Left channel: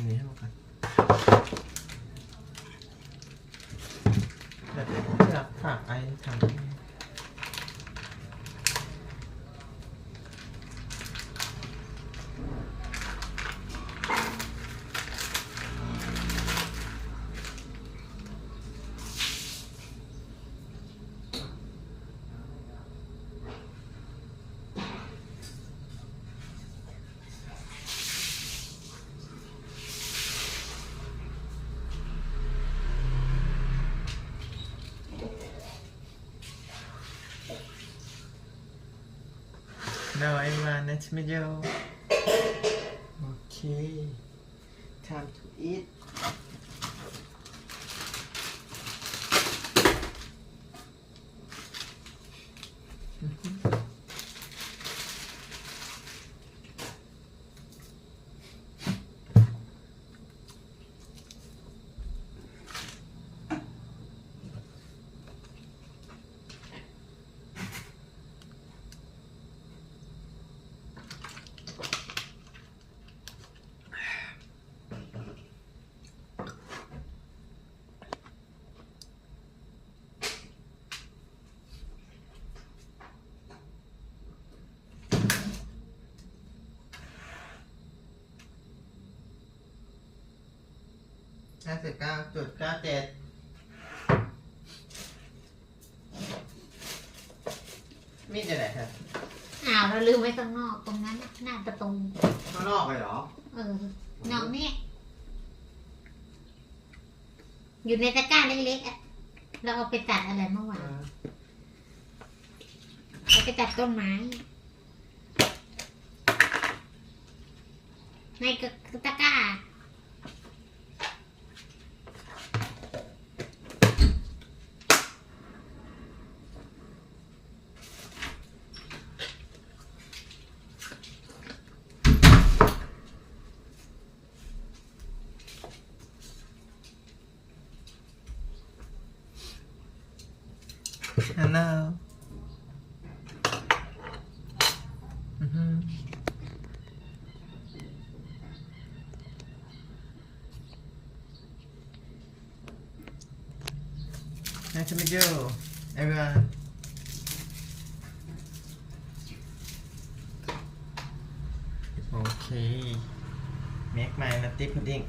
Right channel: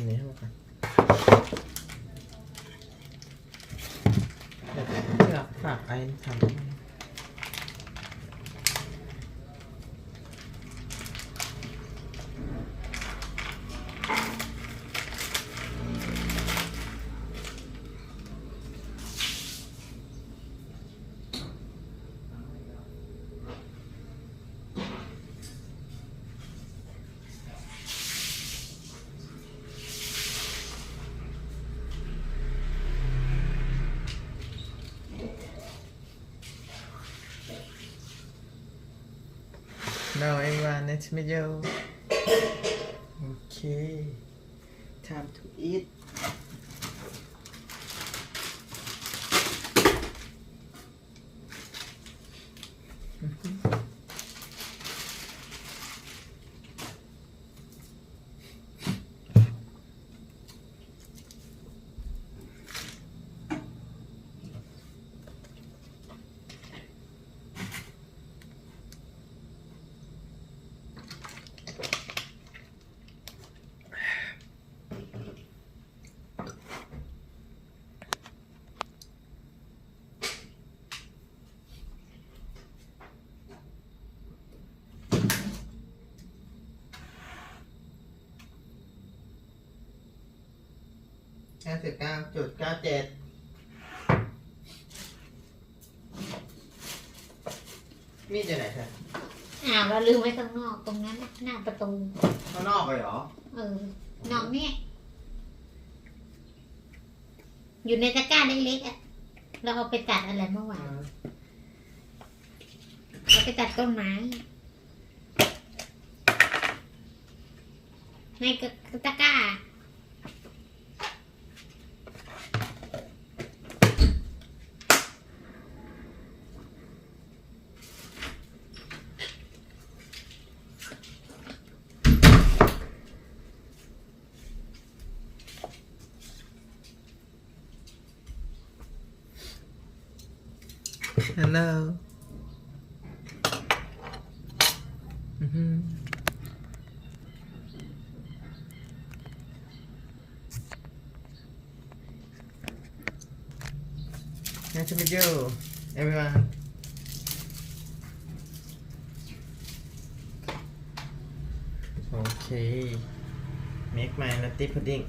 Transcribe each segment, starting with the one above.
ตัวนี้ให้หมดก่อนเดี๋ยวเลือกฝากไอ้ทำHello everyone, nice to meet you. Okay, time to eat. $59.97มีดจะไหนครับเราลืมไว้ตรงนอกตรงนั้นหน้าประตู ข้างนอกไปเหรอ นอกนี่อยู่ในตะกร้าเล็กๆเราเอาไปตัดอะไรเมื่อวานเราไปตัดต้นไม้ในตะกร้าHello. Nice to meet you, everyone. Okay. Make my nutty pudding.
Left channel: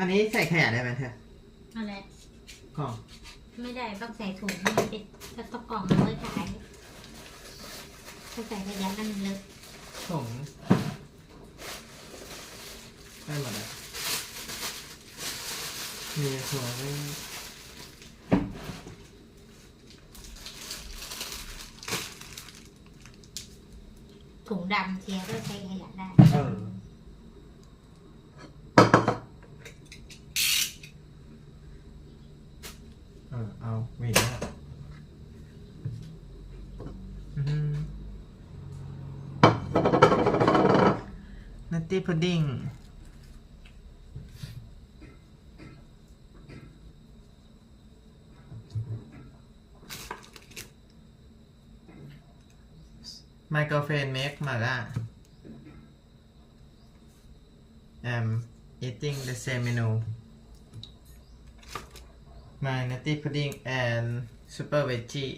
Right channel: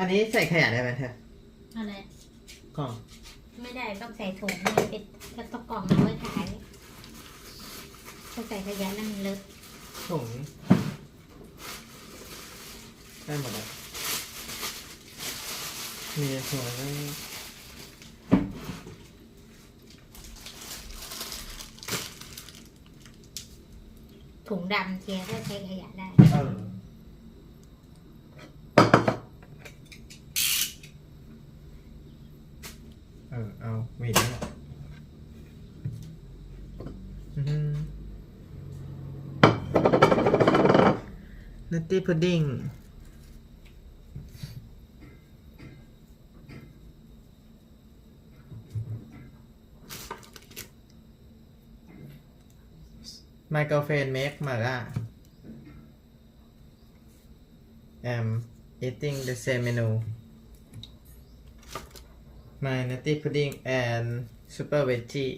อันนี้ใส่ขยะได้ไหมเธออะไรกล่องไม่ได้ต้องใส่ถุงมันเป็นกระตุกกล่องเอาไว้ขายถ้าใส่ขยะนั่นเลอะถุงได้หมดเลยมีถุงไว้ถุงดำเชียร์ก็ใช้ขยะได้เอาหวีนะนัตตี้พุดดิ้งไมโครเฟนเมคมาล่า I'm eating the same menu my nutty pudding and super veggie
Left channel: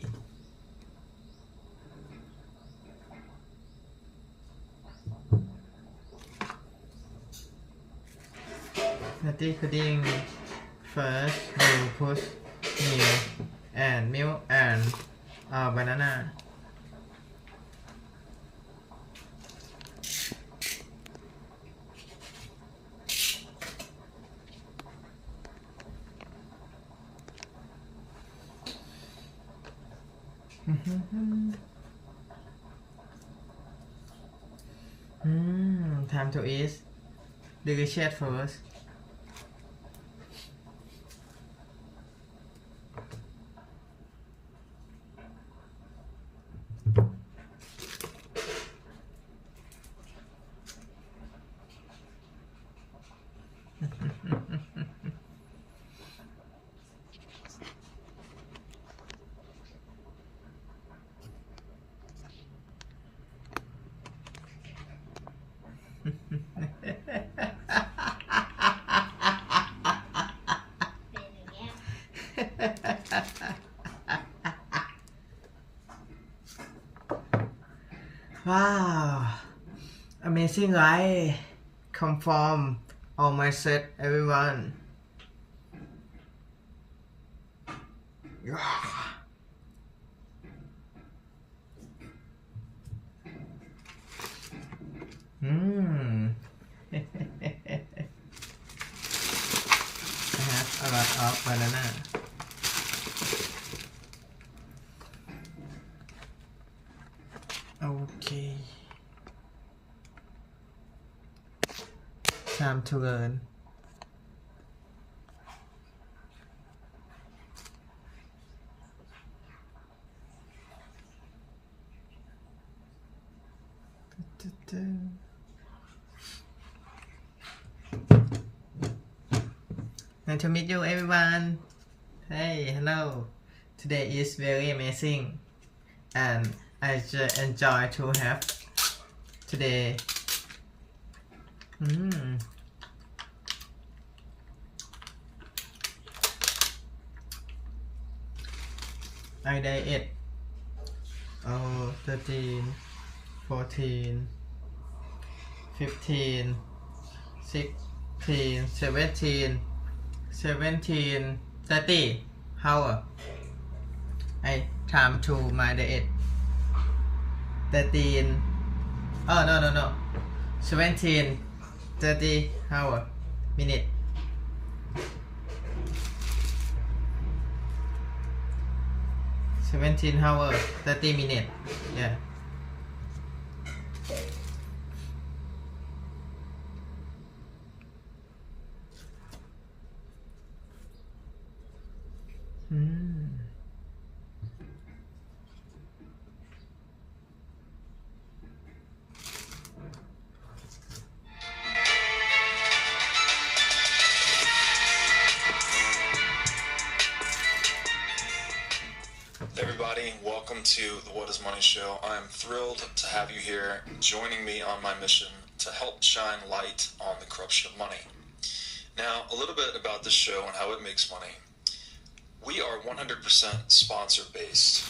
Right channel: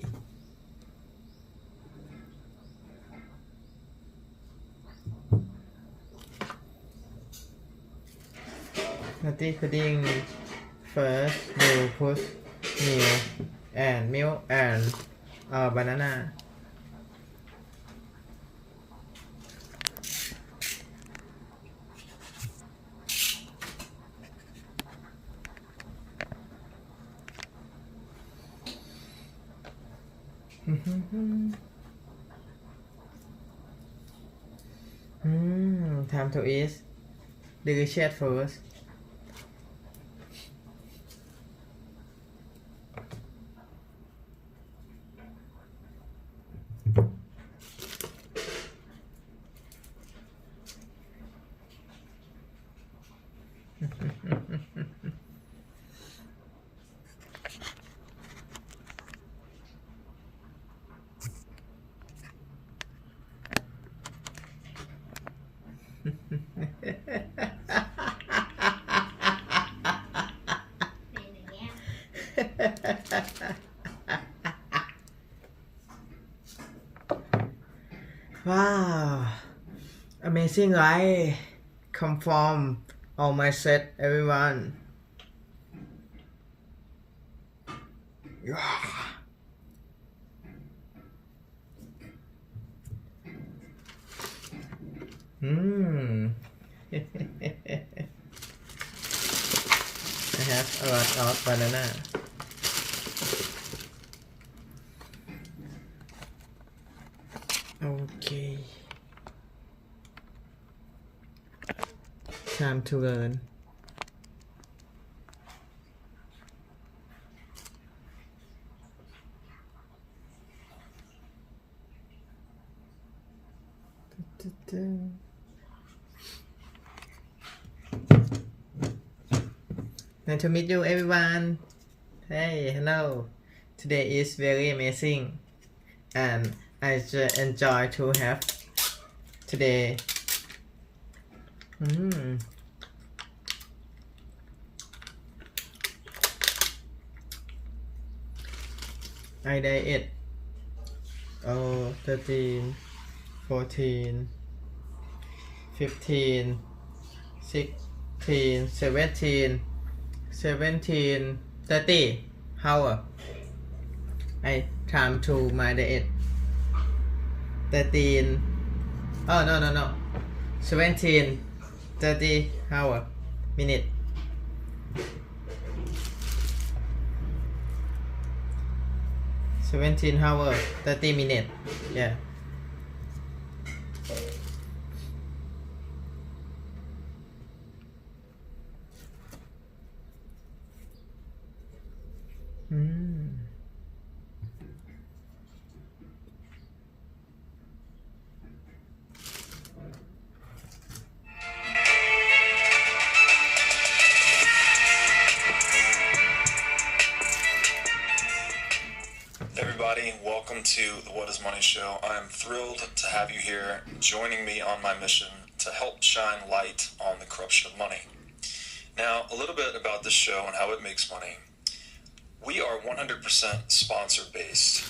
nutty pudding first you put milk and banana Time to eat delicious food. Wow, amazing, right? Conform all my set, everyone. I have a lot of banana. Okay. Time to learn. Nice to meet you, everyone. Hey, hello. Today is very amazing, and I just enjoy to have today. I diet 13, 14, 15, 16, 17, 30 hour. I time to my diet 13. Oh no 17 30 hour minute. 17 hours 30 minutes. Yeah. Everybody, welcome to the What is Money Show. I am thrilled to have you here joining me on my mission to help shine light on the corruption of money. Now, a little bit about this show and how it makes money. We are 100% sponsor-based,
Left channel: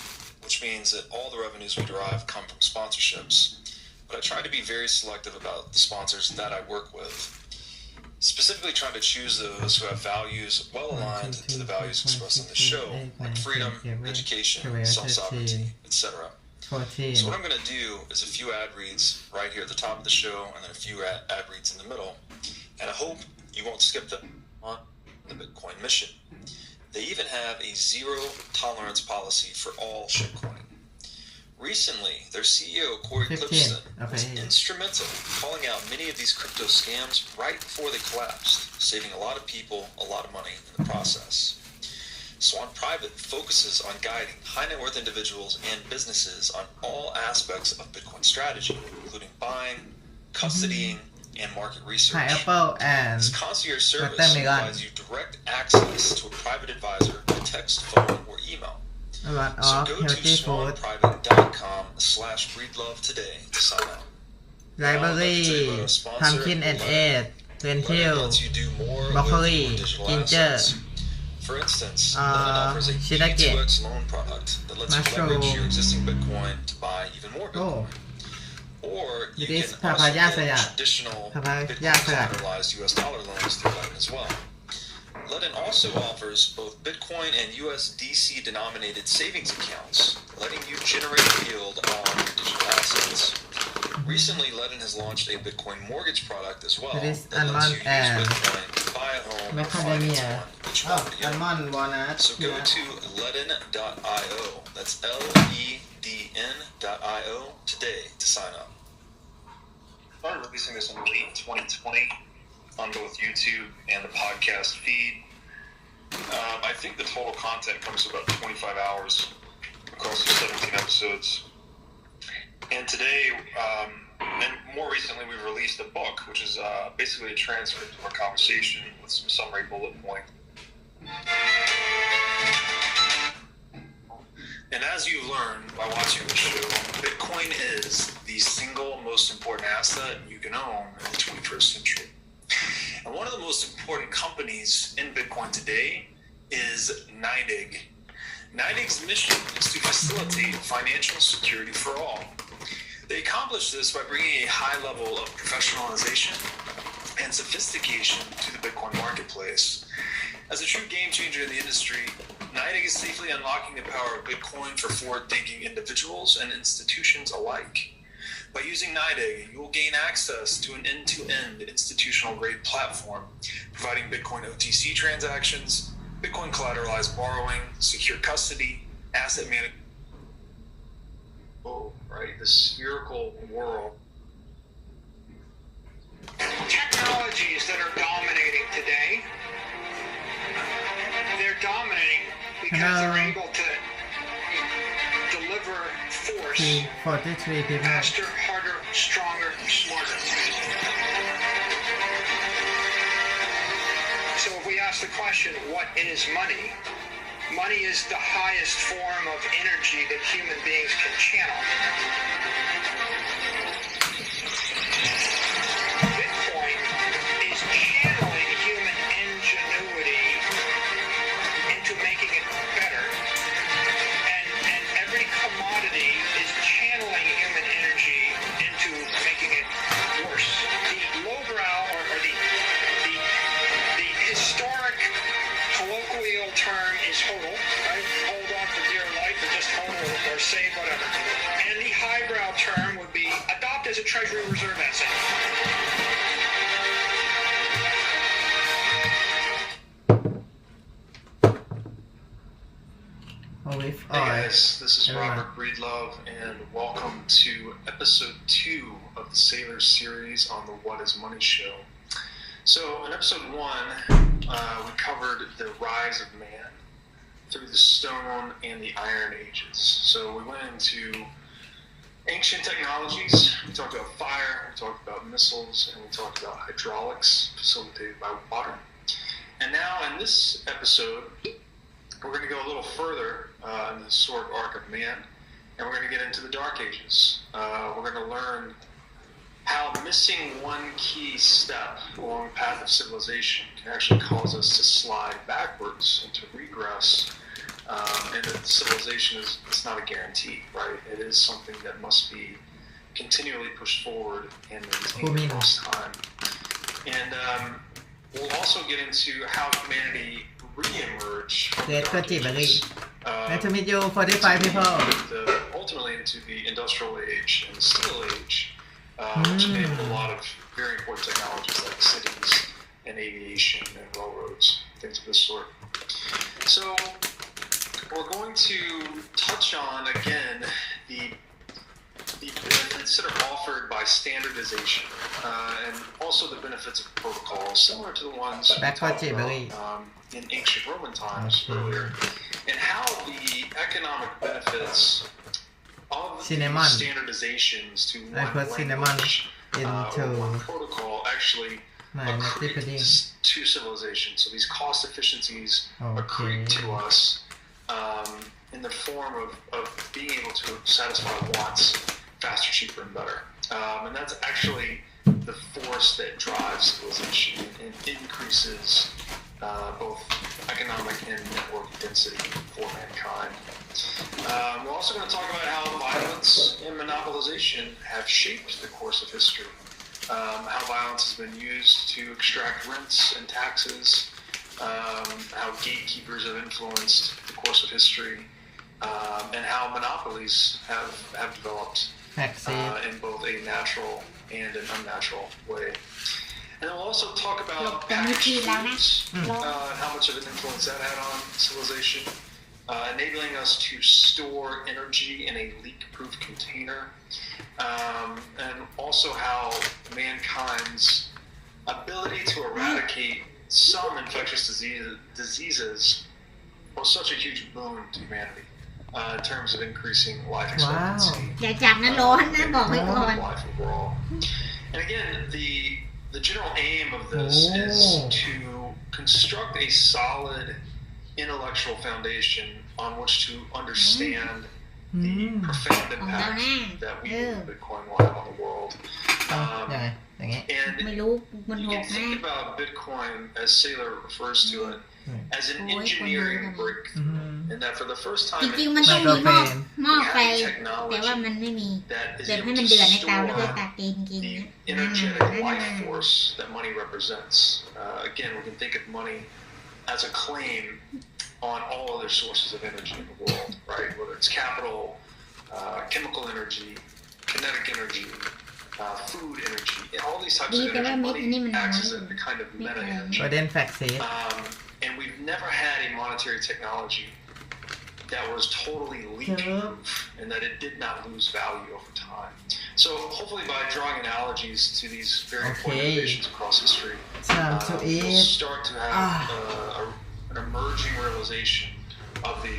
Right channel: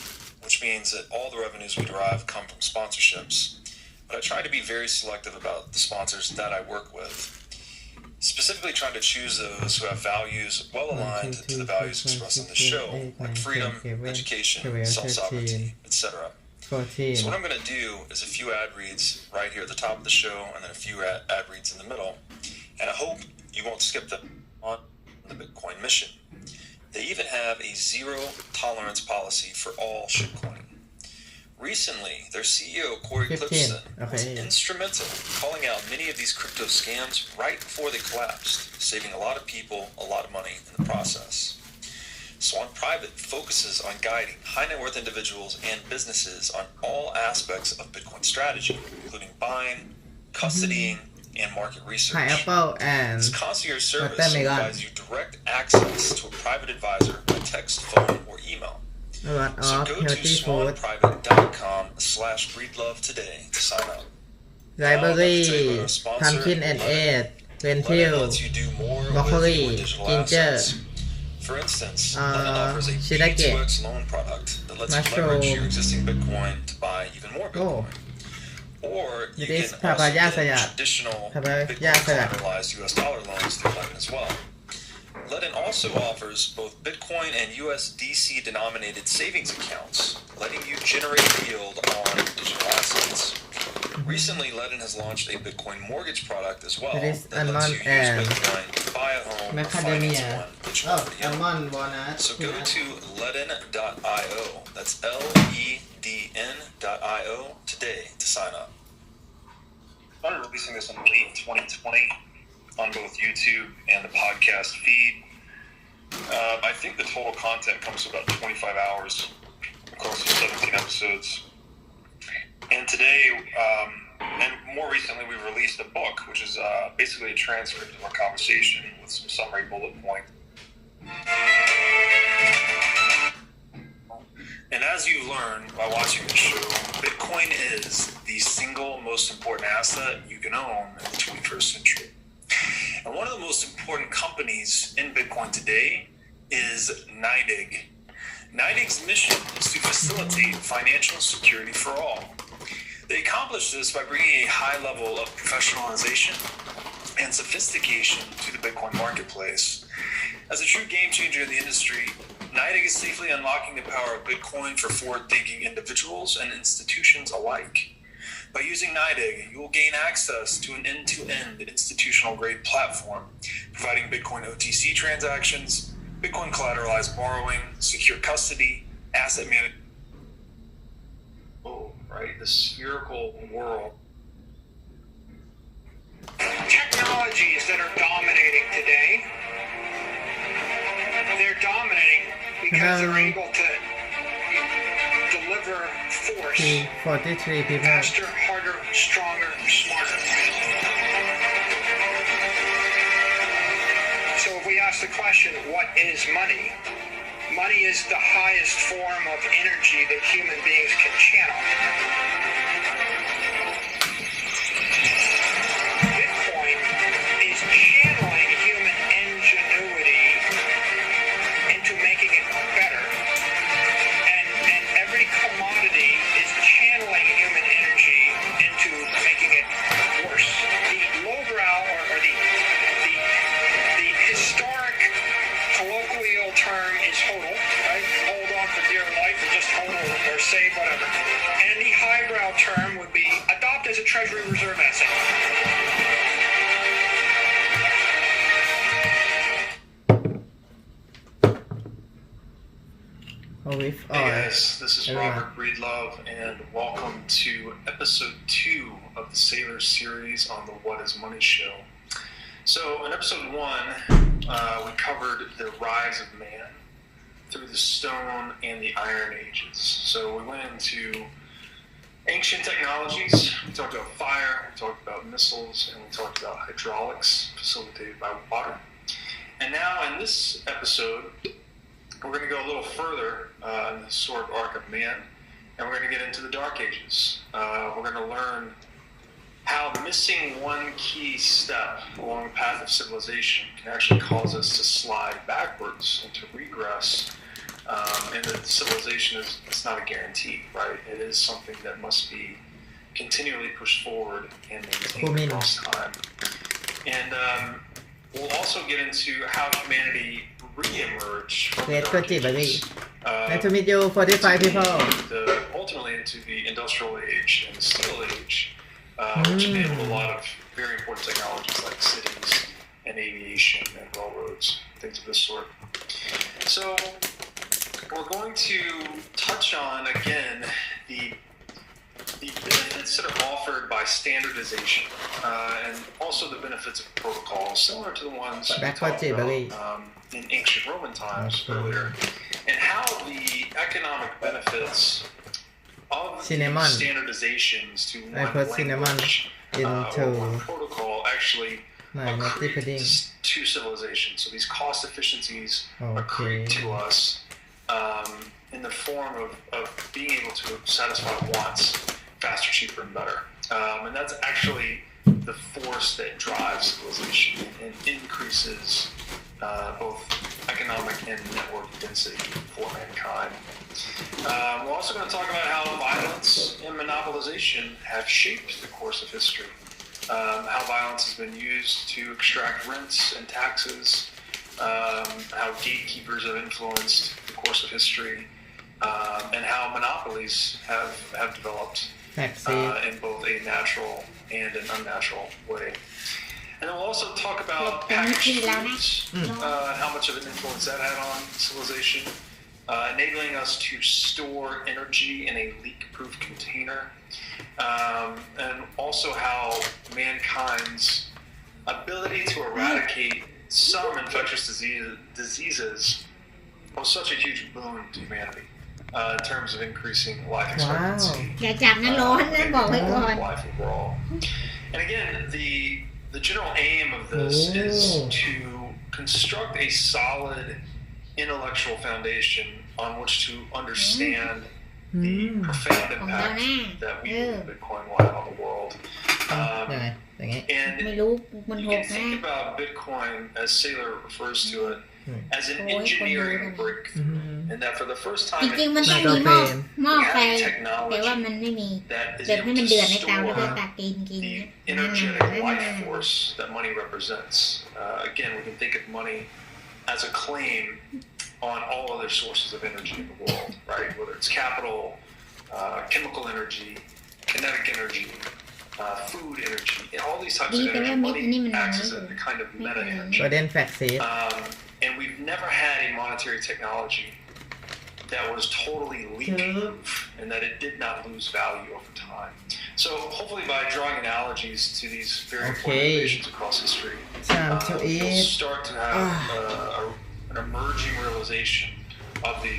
which means that all the revenues we derive come from sponsorships. But I try to be very selective about the sponsors that I work with, specifically trying to choose those who have values well aligned to the values expressed in the show, like freedom, education, self-sovereignty, etc. So what I'm going to do is a few ad reads right here at the top of the show, and then a few ad reads in the middle. And I hope you won't skip them on the Bitcoin mission. They even have a zero tolerance policy for all shitcoin. Recently, their CEO, Corey Klippsten, was instrumental in calling out many of these crypto scams right before they collapsed, saving a lot of people a lot of money in the process. Swan Private focuses on guiding high net worth individuals and businesses on all aspects of Bitcoin strategy, including buying, custodying, and market research. This concierge service provides you direct access to a private advisor by text, phone, or email. So go to swanprivate.com/breedlove today to sign up. Library, pumpkin and egg, lentil, broccoli, ginger, For instance, Lemon offers a 2x loan product that lets you leverage your existing Bitcoin to buy even more Bitcoin. Or you can also get traditional Bitcoin-collateralized US dollar loans through Lemon as well. Ledin also offers both Bitcoin and USDC denominated savings accounts, letting you generate yield on digital assets. Recently, Ledin has launched a Bitcoin mortgage product as well that lets you use Bitcoin to buy a home or finance one which Oh, one would he own? almond walnut. So go peanut. to ledin.io, that's LEDN.io today to sign up. I'm releasing this in late 2020 on both YouTube and the podcast feed. I think the total content comes to about 25 hours across the 17 episodes. And today, and more recently, we've released a book, which is basically a transcript of our conversation with some summary bullet point. And as you've learned by watching the show, Bitcoin is the single most important asset you can own in the 21st century. And one of the most important companies in Bitcoin today is NYDIG. NYDIG's mission is to facilitate financial security for all. They accomplish this by bringing a high level of professionalization and sophistication to the Bitcoin marketplace. As a true game changer in the industry, NYDIG is safely unlocking the power of Bitcoin for forward-thinking individuals and institutions alike. By using NYDIG, you will gain access to an end-to-end institutional-grade platform, providing Bitcoin OTC transactions, Bitcoin collateralized borrowing, secure custody, asset management. Oh, right, the spherical world. Technologies that are dominating today, they're dominating because they're able to deliver force 43 people. faster, harder, stronger, smarter. So if we ask the question, what is money? Money is the highest form of energy that human beings can channel. Bitcoin is channeling human ingenuity into making it better. And every commodity is channeling human energy into making it worse. The lowbrow or the historic colloquial term is hodl, right? Hold on for dear life, or just hodl, or save, whatever. And the highbrow term would be adopt as a Treasury Reserve asset. Olive Hey oil. guys, this is Everyone. Robert Breedlove, and welcome to episode 2 of the Sailor series on the What is Money show. So in episode 1, we covered the rise of man through the Stone and the Iron Ages. So we went into ancient technologies, we talked about fire, we talked about missiles, and we talked about hydraulics facilitated by water. And now in this episode, we're going to go a little further in the historic arc of man, and we're going to get into the Dark Ages. We're going to learn how missing one key step along the path of civilization can actually cause us to slide backwards and to regress. And that civilization is not a guarantee, right? It is something that must be continually pushed forward and maintained across time. And we'll also get into how humanity re-emerged from the Dark Ages, Nice to meet you, 45 people. ultimately into the Industrial Age and the Steel Age, which enabled a lot of very important technologies like cities and aviation and railroads, things of this sort. So we're going to touch on, again, the benefits that are offered by standardization, and also the benefits of protocols, similar to the ones we talked about in ancient Roman times earlier, and how the economic benefits of these standardizations to one language or one protocol actually accrete to civilization. So these cost efficiencies accrete to us in the form of being able to satisfy wants faster, cheaper, and better. And that's actually the force that drives civilization and increases both economic and network density for mankind. We're also going to talk about how violence and monopolization have shaped the course of history. How violence has been used to extract rents and taxes, how gatekeepers have influenced the course of history, and how monopolies have developed in both a natural and an unnatural way. And then we'll also talk Look, about the packaged meat now, foods, how much of an influence that had on civilization, enabling us to store energy in a leak-proof container, and also how mankind's ability to eradicate some infectious diseases was such a huge boon to humanity in terms of increasing life expectancy. อย่าจับนะร้อนนะบอกไว้ก่อน Life overall. And again, the general aim of this is to construct a solid intellectual foundation on which to understand the profound impact that we believe Bitcoin will have on the world. ยังไงอย่างงี้ ไม่ And รู้มัน you ห can กนะ think about Bitcoin, as Saylor refers to it, as an engineering breakthrough, and that for the first จ time ริงๆมันต้องมีหม้อไฟแต่ว่ามันไม่มี that is แบบให้ able มัน to เดือดในเตาแล้วก็ store ตัดตีนกิน the energetic life force that money represents. Again, we can think of money as a claim on all other sources of energy in the world, right? Whether it's capital, chemical energy, kinetic energy, food energy, all these types of energy, money acts as a kind of meta energy. ประเด็นแฟกซี And we've never had a monetary technology that was totally leak-proof and that it did not lose value over time. So hopefully by drawing analogies to these very important innovations across history, we'll start to have an emerging realization of the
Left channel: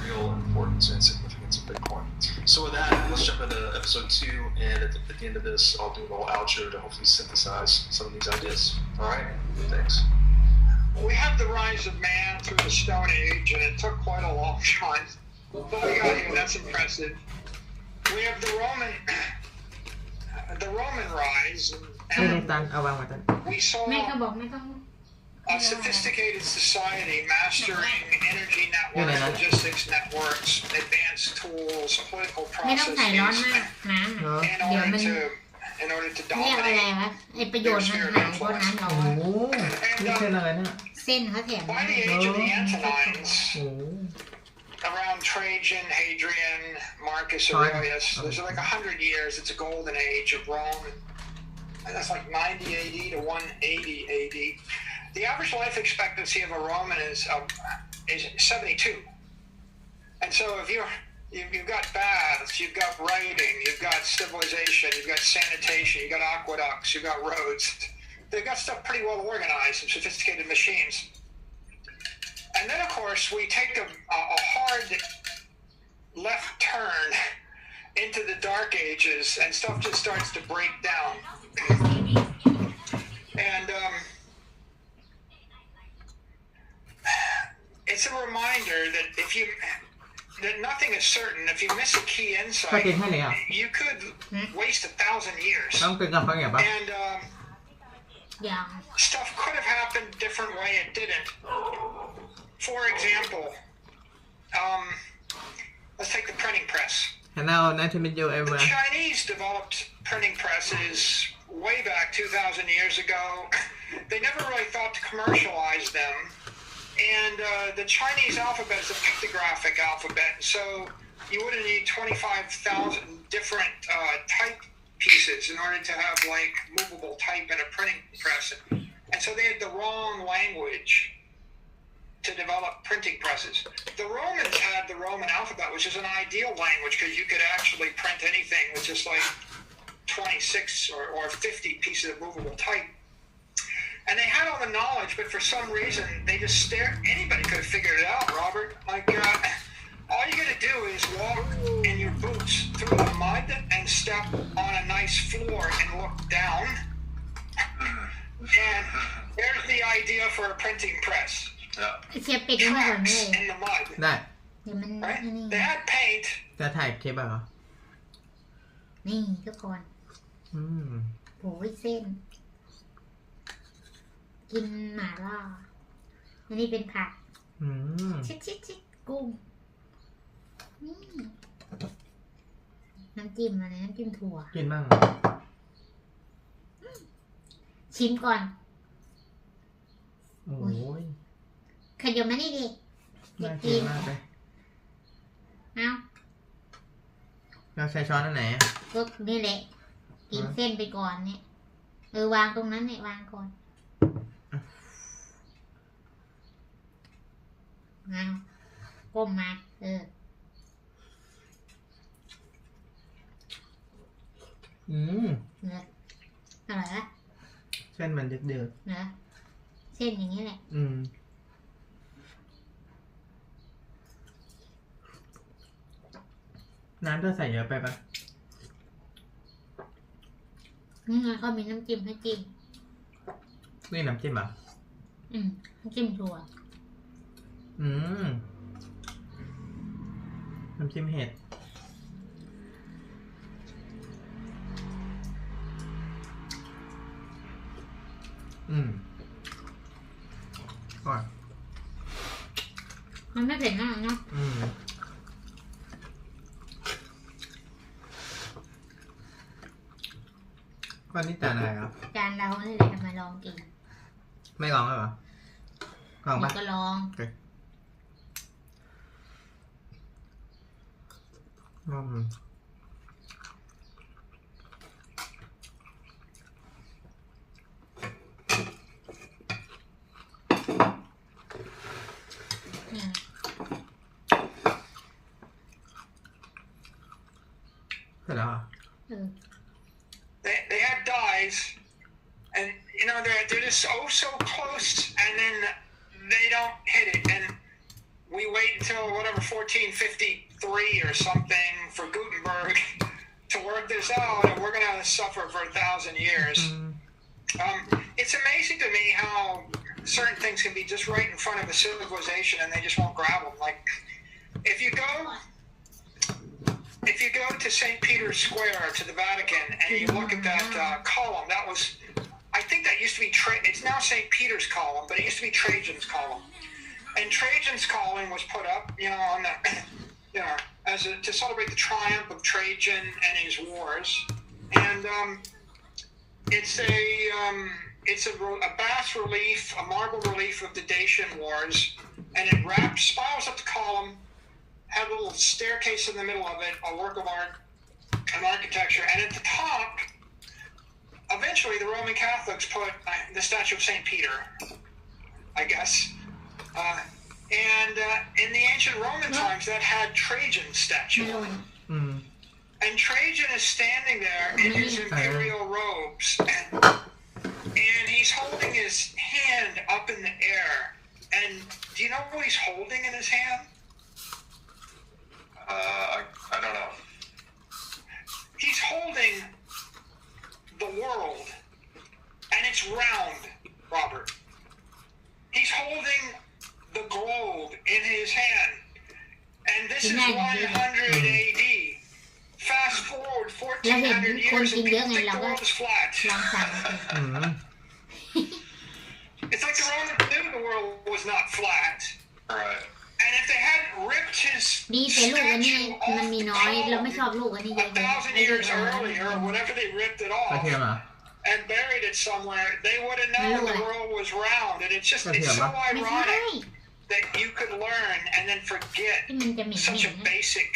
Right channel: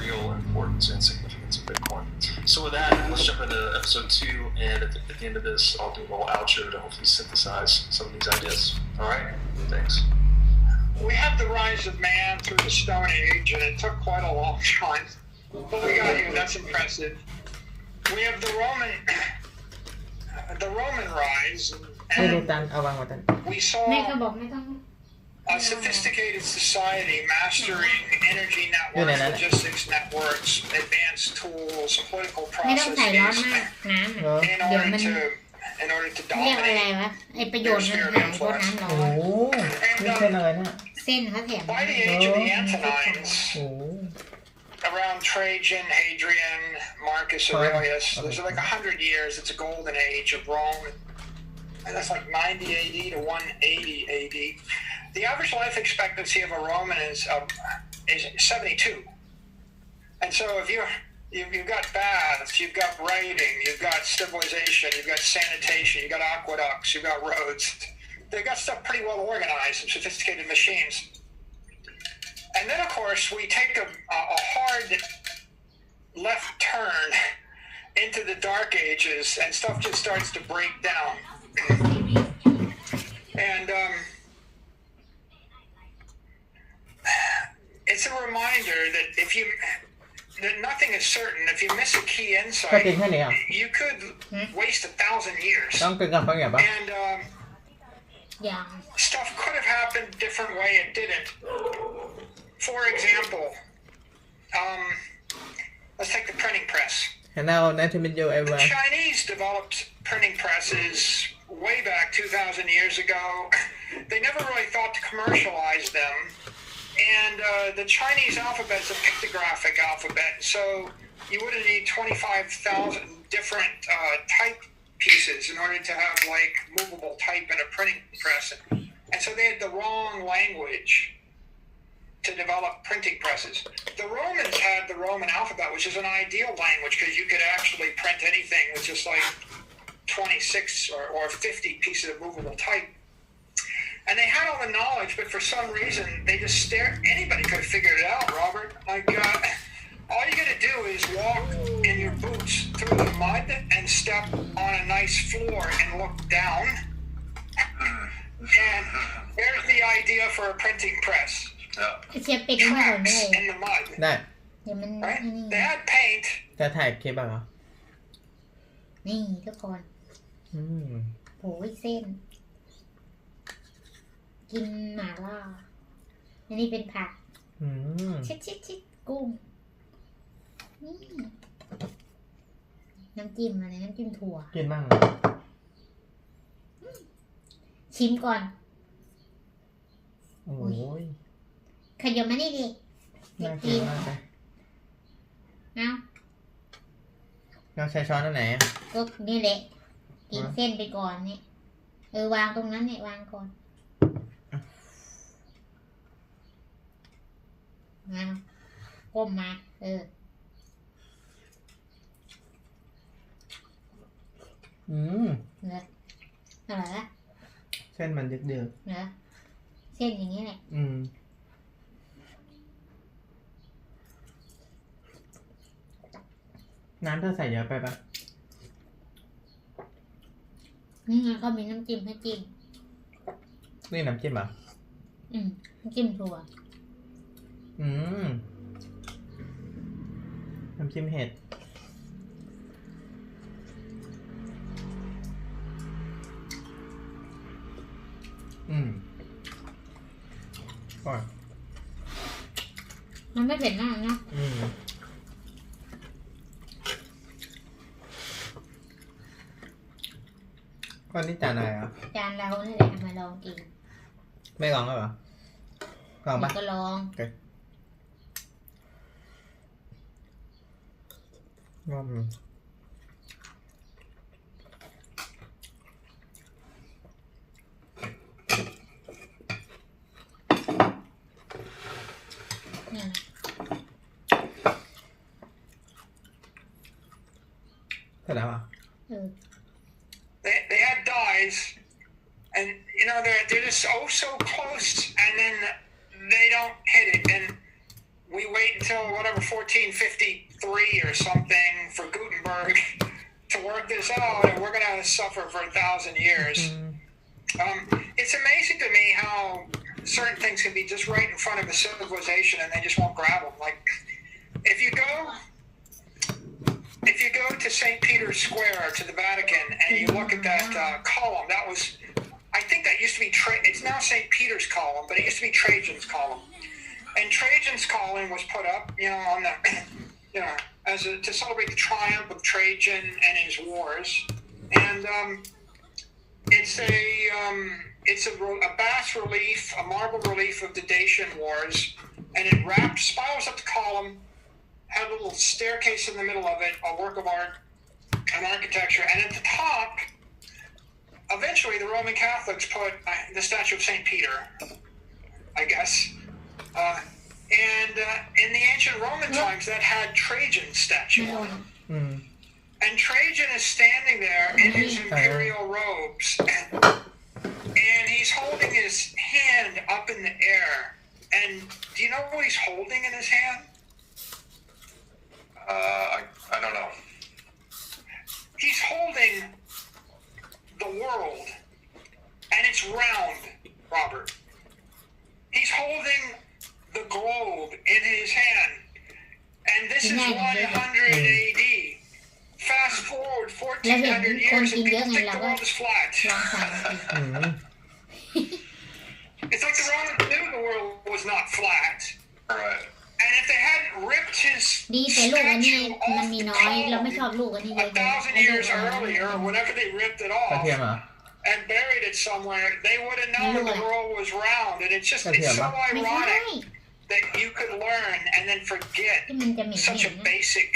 real importance and significance of Bitcoin. So with that, let's jump into episode 2, and at the end of this, I'll do a little outro to hopefully synthesize some of these ideas. All right? Thanks. We have the rise of man through the Stone Age, and it took quite a long time. But we got here. That's impressive. We have the Roman rise, ไม่รู้ and ตันเอาวางไว้ตัน we saw แม่เขาบอกไม่ต้อง a sophisticated society mastering energy networks, logistics networks, advanced tools, political ไม่ต้องใส่ร้อน processes มากน้ำ เหรอ in order to เรียกอะไร dominate. วะไอประโยชน์มันหายเพราะน้ำร้อ โอ้ น โหนี่เป็นอะไรเนี่ย เส้นเขาเสียง By the age of the Antonines, โอ้โห around Trajan, Hadrian, Marcus Aurelius, there's like 100 years. It's a golden age of Rome. And that's like 90 AD to 180 AD. The average life expectancy of a Roman is 72. And so if you've got baths, you've got writing, you've got civilization, you've got sanitation, you've got aqueducts, you've got roads. They've got stuff pretty well organized and sophisticated machines. And then, of course, we take a hard left turn into the Dark Ages, and stuff just starts to break down. And it's a reminder that that nothing is certain. If you miss a key ก็จริง insight, แค่นี้อ่ะ you could waste 1,000 years. ต้องเป็นกับเขาอย่างปะ And อย่าง stuff could have happened a different way. It didn't. For example, let's take the printing press. Hello, nice to meet you The everyone. Chinese developed printing presses way back 2,000 years ago. They never really thought to commercialize them. And the Chinese alphabet is a pictographic alphabet, so you wouldn't need 25,000 different type pieces in order to have like movable type in a printing press. And so they had the wrong language to develop printing presses. The Romans had the Roman alphabet, which is an ideal language because you could actually print anything with just like 26 or 50 pieces of movable type. And they had all the knowledge, but for some reason they just stared. Anybody could have figured it out, Robert. Like, all you got to do is walk in your boots through the mud and step on a nice floor and look down. And there's the idea for a printing press. เชียร์เป็ดไม่หมดเลย Tracks in the mud, ได้ เดี๋ยวมัน right? นี่ They had paint. จะถ่ายคลิปเหรอ นี่ทุกคน อืม โอ้ยเส้น กินหม่าล่าอันนี้เป็นผัก อืม ชิดกุ้ง นี่ น้ำจิ้มอะไรน้ำจิ้มถั่ว กินบ้าง ชิมก่อน โอ้ย ขยมมานี่ดิอยา น่าก กิ กิ น น มากเลย เอ้า เราใช้ช้อนอันไหนอ่ะ ก็นี่แหละ กินเส้นไปก่อนเนี่ย วางตรงนั้นเนี่ยวางก่อนมาก้มมาเหรออะไรนะ เส้นมันเดือด เหรอเส้นอย่างนี้แหละ น้ำเธอใส่เยอะไปปะ นี่ไงเขามีน้ำจิ้มให้จิ้ม นี่น้ำจิ้มอ่ะ น้ำจิ้มถั่ว น้ำจิ้มเห็ดก่อน มันไม่เผ็ดมากนะ ก้อนนี้จานอะไรอ่ะ จานเรานี่แหละมาลองกิน ไม่ลองแล้วเหรอลองปะ ก็ลอง เสร็จแล้วอ่ะ They had dyes, and you know they're just so close, and then they don't hit it, and we wait until whatever 1453 or something for Gutenberg to work this out, and we're gonna suffer for 1,000 years. It's amazing to me how certain things can be just right in front of a civilization, and they just won't grab them. Like if you go to St. Peter's Square, to the Vatican, and you look at that column, that was, I think that used to be, it's now St. Peter's column, but it used to be Trajan's column. And Trajan's column was put up, on the, to celebrate the triumph of Trajan and his wars. And it's a bas relief, a marble relief of the Dacian Wars, and it spirals up the column, had a little staircase in the middle of it, a work of art and architecture, and at the top, eventually the Roman Catholics put the statue of St. Peter, I guess. And in the ancient Roman times, that had Trajan's statue on it. And Trajan is standing there in his imperial robes, and he's holding his hand up in the air. And do you know what he's holding in his hand? I don't know. He's holding the world, and it's round, Robert. He's holding the globe in his hand, and this is 100 AD. Fast forward 1400 years, and people think the world is flat. It's like the Romans knew the world was not flat. Right. And if they hadn't ripped his ดีแต่ลูกอันนี้ statue off มันมี the น้อยเราไม่ชอบ column ลูกอันนี้เยอะ 1,000 years earlier, or whenever they ripped it กระ off เทียมอ่ะ and buried it somewhere, they would have known the world was round. And it's so ไม่ใช่ ironic that you could learn and then forget ที่มันจะเหม็น such a basic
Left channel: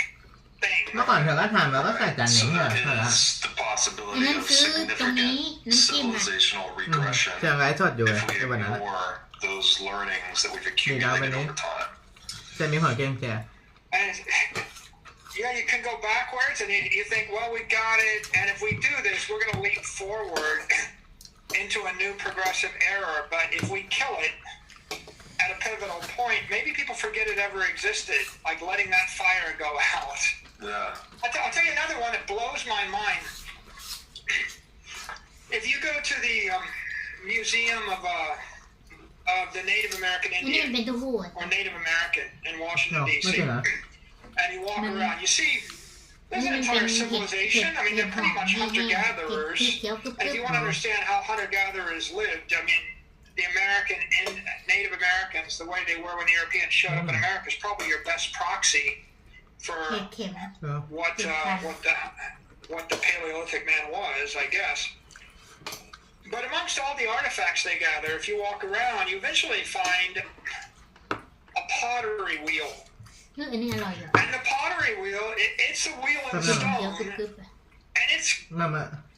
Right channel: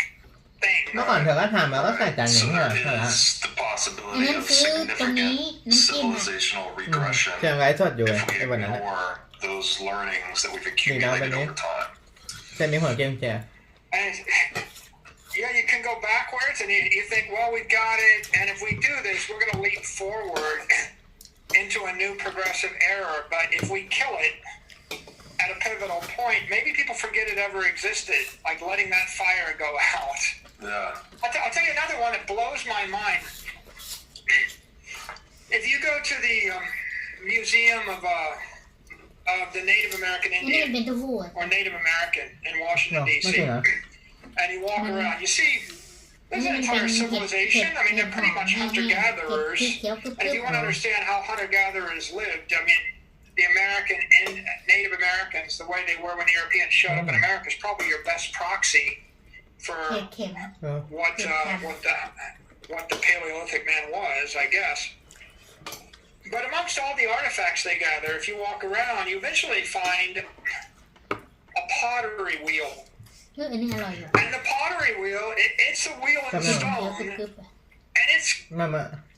thing. เมื่อก่อนเธอก็ทานมาก็ใส่จานอย่าง So นี้เหรอ that เธอละ is the อัน possibility นั้น of ซื้อตรงนี้ significant น้ำจิ้มอ่ะ civilizational regression เธอไลฟ์สดอยู่เลย if we ในวันนั้น ignore those learnings that we've มีน้ำเป็น accumulated นี้ over time. จะมีหัวเกมเจีย And you can go backwards, and you think, well, we've got it, and if we do this, we're going to leap forward into a new progressive era. But if we kill it at a pivotal point, maybe people forget it ever existed, like letting that fire go out. Yeah. I'll tell you another one that blows my mind. If you go to the Museum of the Native American อันนี้มัน Indian เป็นเต้าหู้ or Native American in Washington, ไม่ D.C., ใช่นะ and you walk around, you see there's an entire civilization. I mean, they're pretty much hunter-gatherers. And if you want to understand how hunter-gatherers lived, I mean, the American and Native Americans, the way they were when the Europeans showed up in America, is probably your best proxy for เค็ม what the Paleolithic man was, I guess. But amongst all the artifacts they gather, if you walk around, you eventually find a pottery wheel. อันนี้อร่อยอยู่ And the pottery wheel, it's a wheel in เคี้ยว stone, กรึบๆ and it's มา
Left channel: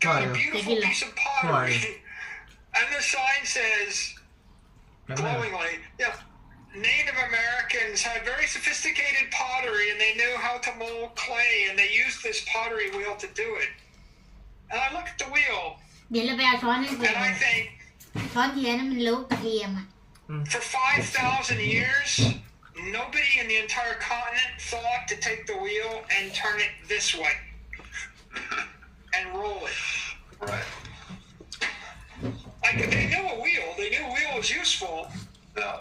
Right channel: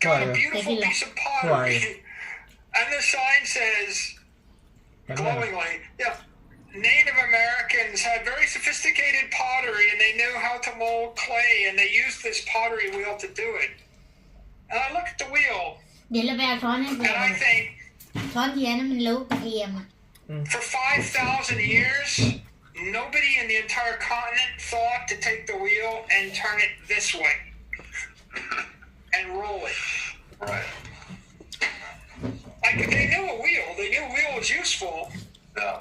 got a beautiful piece of pottery And the sign says, glowingly, yeah, Native Americans had very sophisticated pottery and they knew how to mold clay and they used this pottery wheel to do it. And I look at the wheel เดี๋ยวเราไปเอาช้อนให้เทีย and ม I think, ช้อนเทียมนั้นมันรู้กระเทียมอ่ะ for 5,000 years, nobody in the entire continent thought to take the wheel and turn it this way and roll it. Right. Like, they knew a wheel. They knew a wheel was useful. Yeah.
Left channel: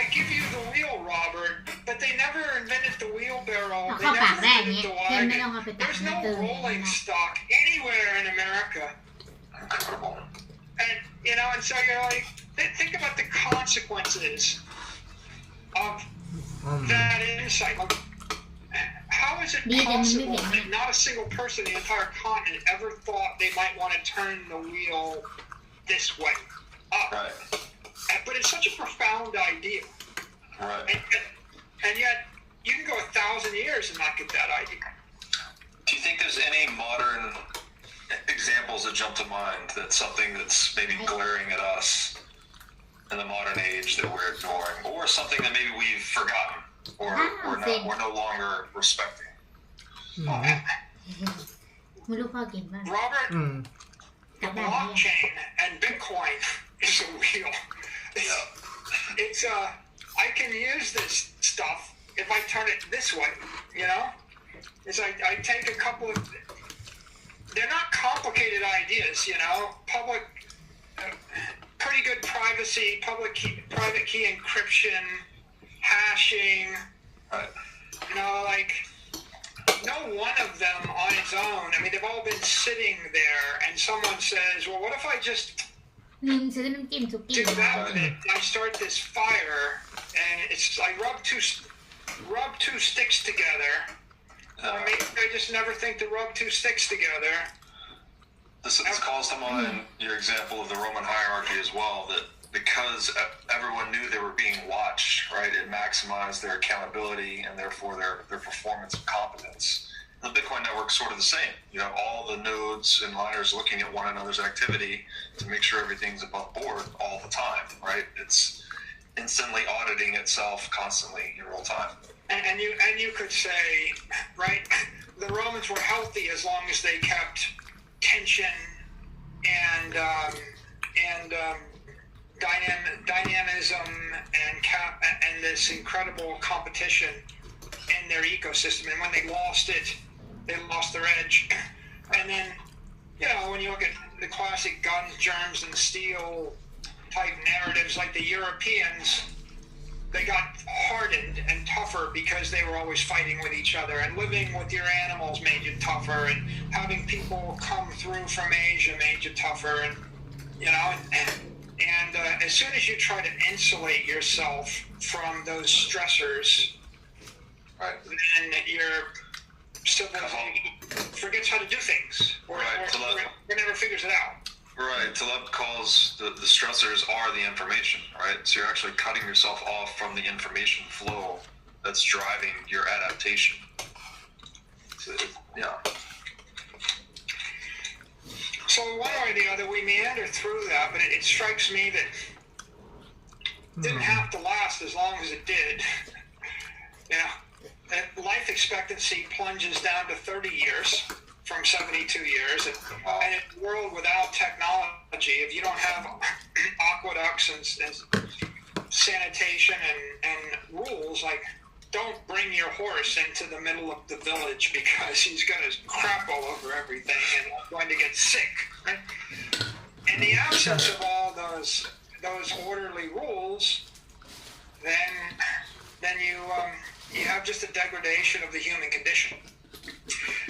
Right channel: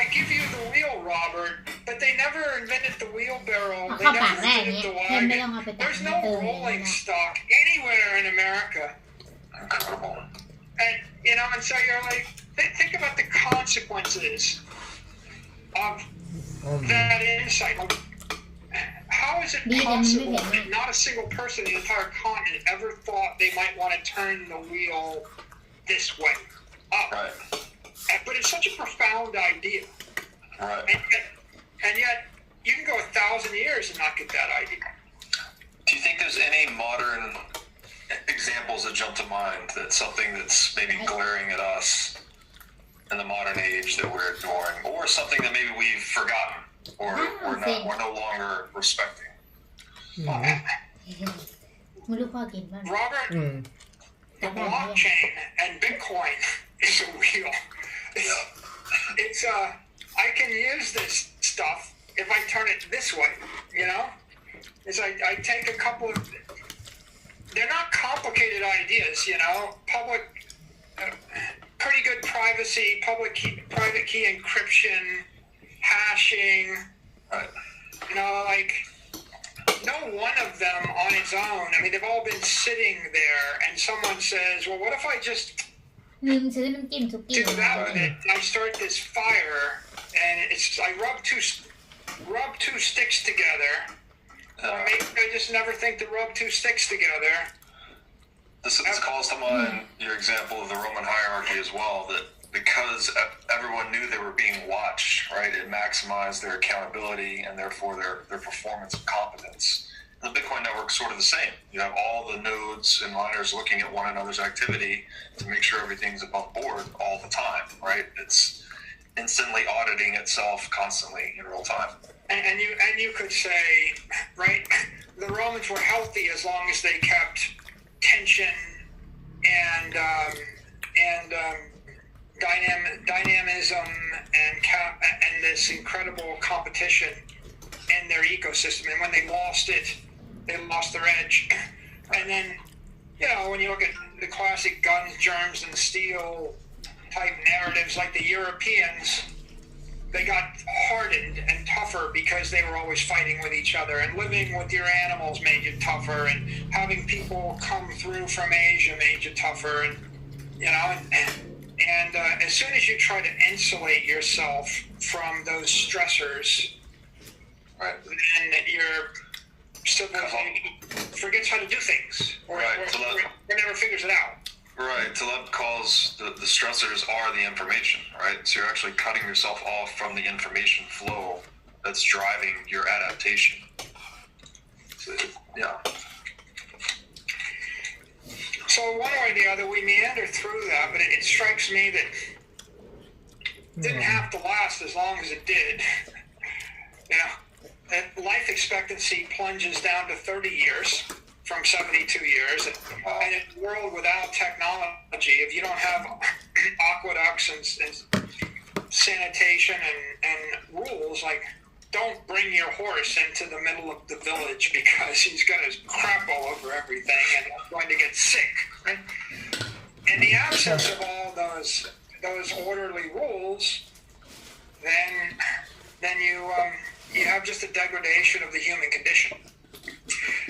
I give you the wheel, Robert, but they never invented the wheelbarrow. เอา They เข้าปาก never ได้อย่าง invented เงี้ย the เทียมไม่ต้อง wagon. เอาไปตัก There's มา no เติมอย่างนี้ rolling นะ stock anywhere in America. Incredible. And, you know, and so you're like, think about the consequences of that insight. Like, how is it possible that not a single person in the entire continent ever thought they might want to turn the wheel this way, up? Right. But it's such a profound idea. Right. And yet, you can go 1,000 years and not get that idea. Do you think there's any modern examples that jump to mind that's something that's maybe glaring at us in the modern age that we're ignoring, or something that maybe we've forgotten or we're no longer respecting? ไม่รู้พ่อกินบ้าง Robert, อืม the blockchain and Bitcoin is a wheel. It's I can use this stuff if I turn it this way, you know? It's like I take a couple of, they're not complicated ideas, you know? Public, pretty good privacy, private key encryption, hashing, Right. you know, like, no one of them on its own. I mean, they've all been sitting there, and someone says, well, what if I just ลืมซื้อน้ำจิ้มสุกี้ do that with it? I start this fire, and I rub two sticks together. Or maybe I just never think to rub two sticks together. This calls to mind your example of the Roman hierarchy as well, that because everyone knew they were being watched, right, it maximized their accountability and therefore their performance and competence. The Bitcoin network's sort of the same. You have all the nodes and miners looking at one another's activity to make sure everything's above board all the time, right? It's instantly auditing itself constantly in real time. And you could say, right, the Romans were healthy as long as they kept tension and dynamism and this incredible competition in their ecosystem. And when they lost it, they lost their edge. And then, you know, when you look at the classic guns, germs, and steel type narratives, like the Europeans, they got hardened and tougher because they were always fighting with each other, and living with your animals made you tougher, and having people come through from Asia made you tougher, and you know, and as soon as you try to insulate yourself from those stressors, Right. then your civilization forgets how to do things, or never figures it out. Right. Taleb calls the stressors are the information, right? So you're actually cutting yourself off from the information flow that's driving your adaptation. So, yeah. So one way or the other, we meander through that, but it strikes me that it didn't have to last as long as it did. You know, that life expectancy plunges down to 30 years from 72 years. And in a world without technology, if you don't have aqueducts and sanitation and rules, like, don't bring your horse into the middle of the village because he's going to crap all over everything and he's going to get sick. Right? In the absence of all those orderly rules, then you have just a degradation of the human condition.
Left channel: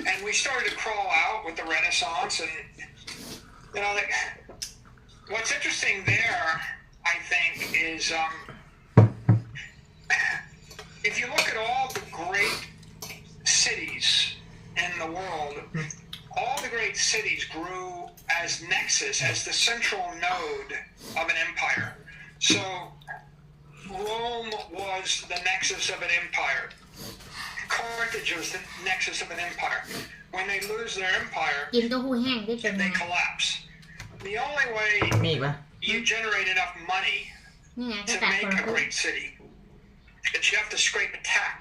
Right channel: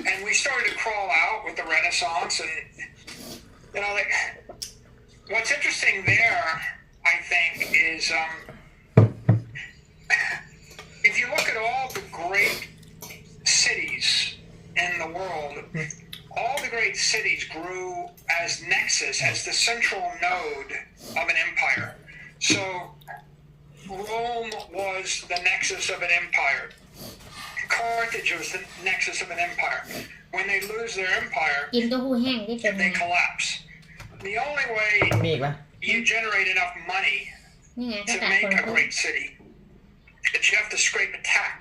And we started to crawl out with the Renaissance, and you know, like, what's interesting there, I think, is if you look at all the great cities in the world, all the great cities grew as nexus, as the central node of an empire. So Rome was the nexus of an empire. Carthage was the nexus of an empire. When they lose their empire, กินเต้าหู้แห้งที่เป็นไง they collapse. The only way มีอีกปะ you generate enough money นี่ไงก to ษัตริย์คน make ละ a ครึ่ง great city. But you have to scrape a tax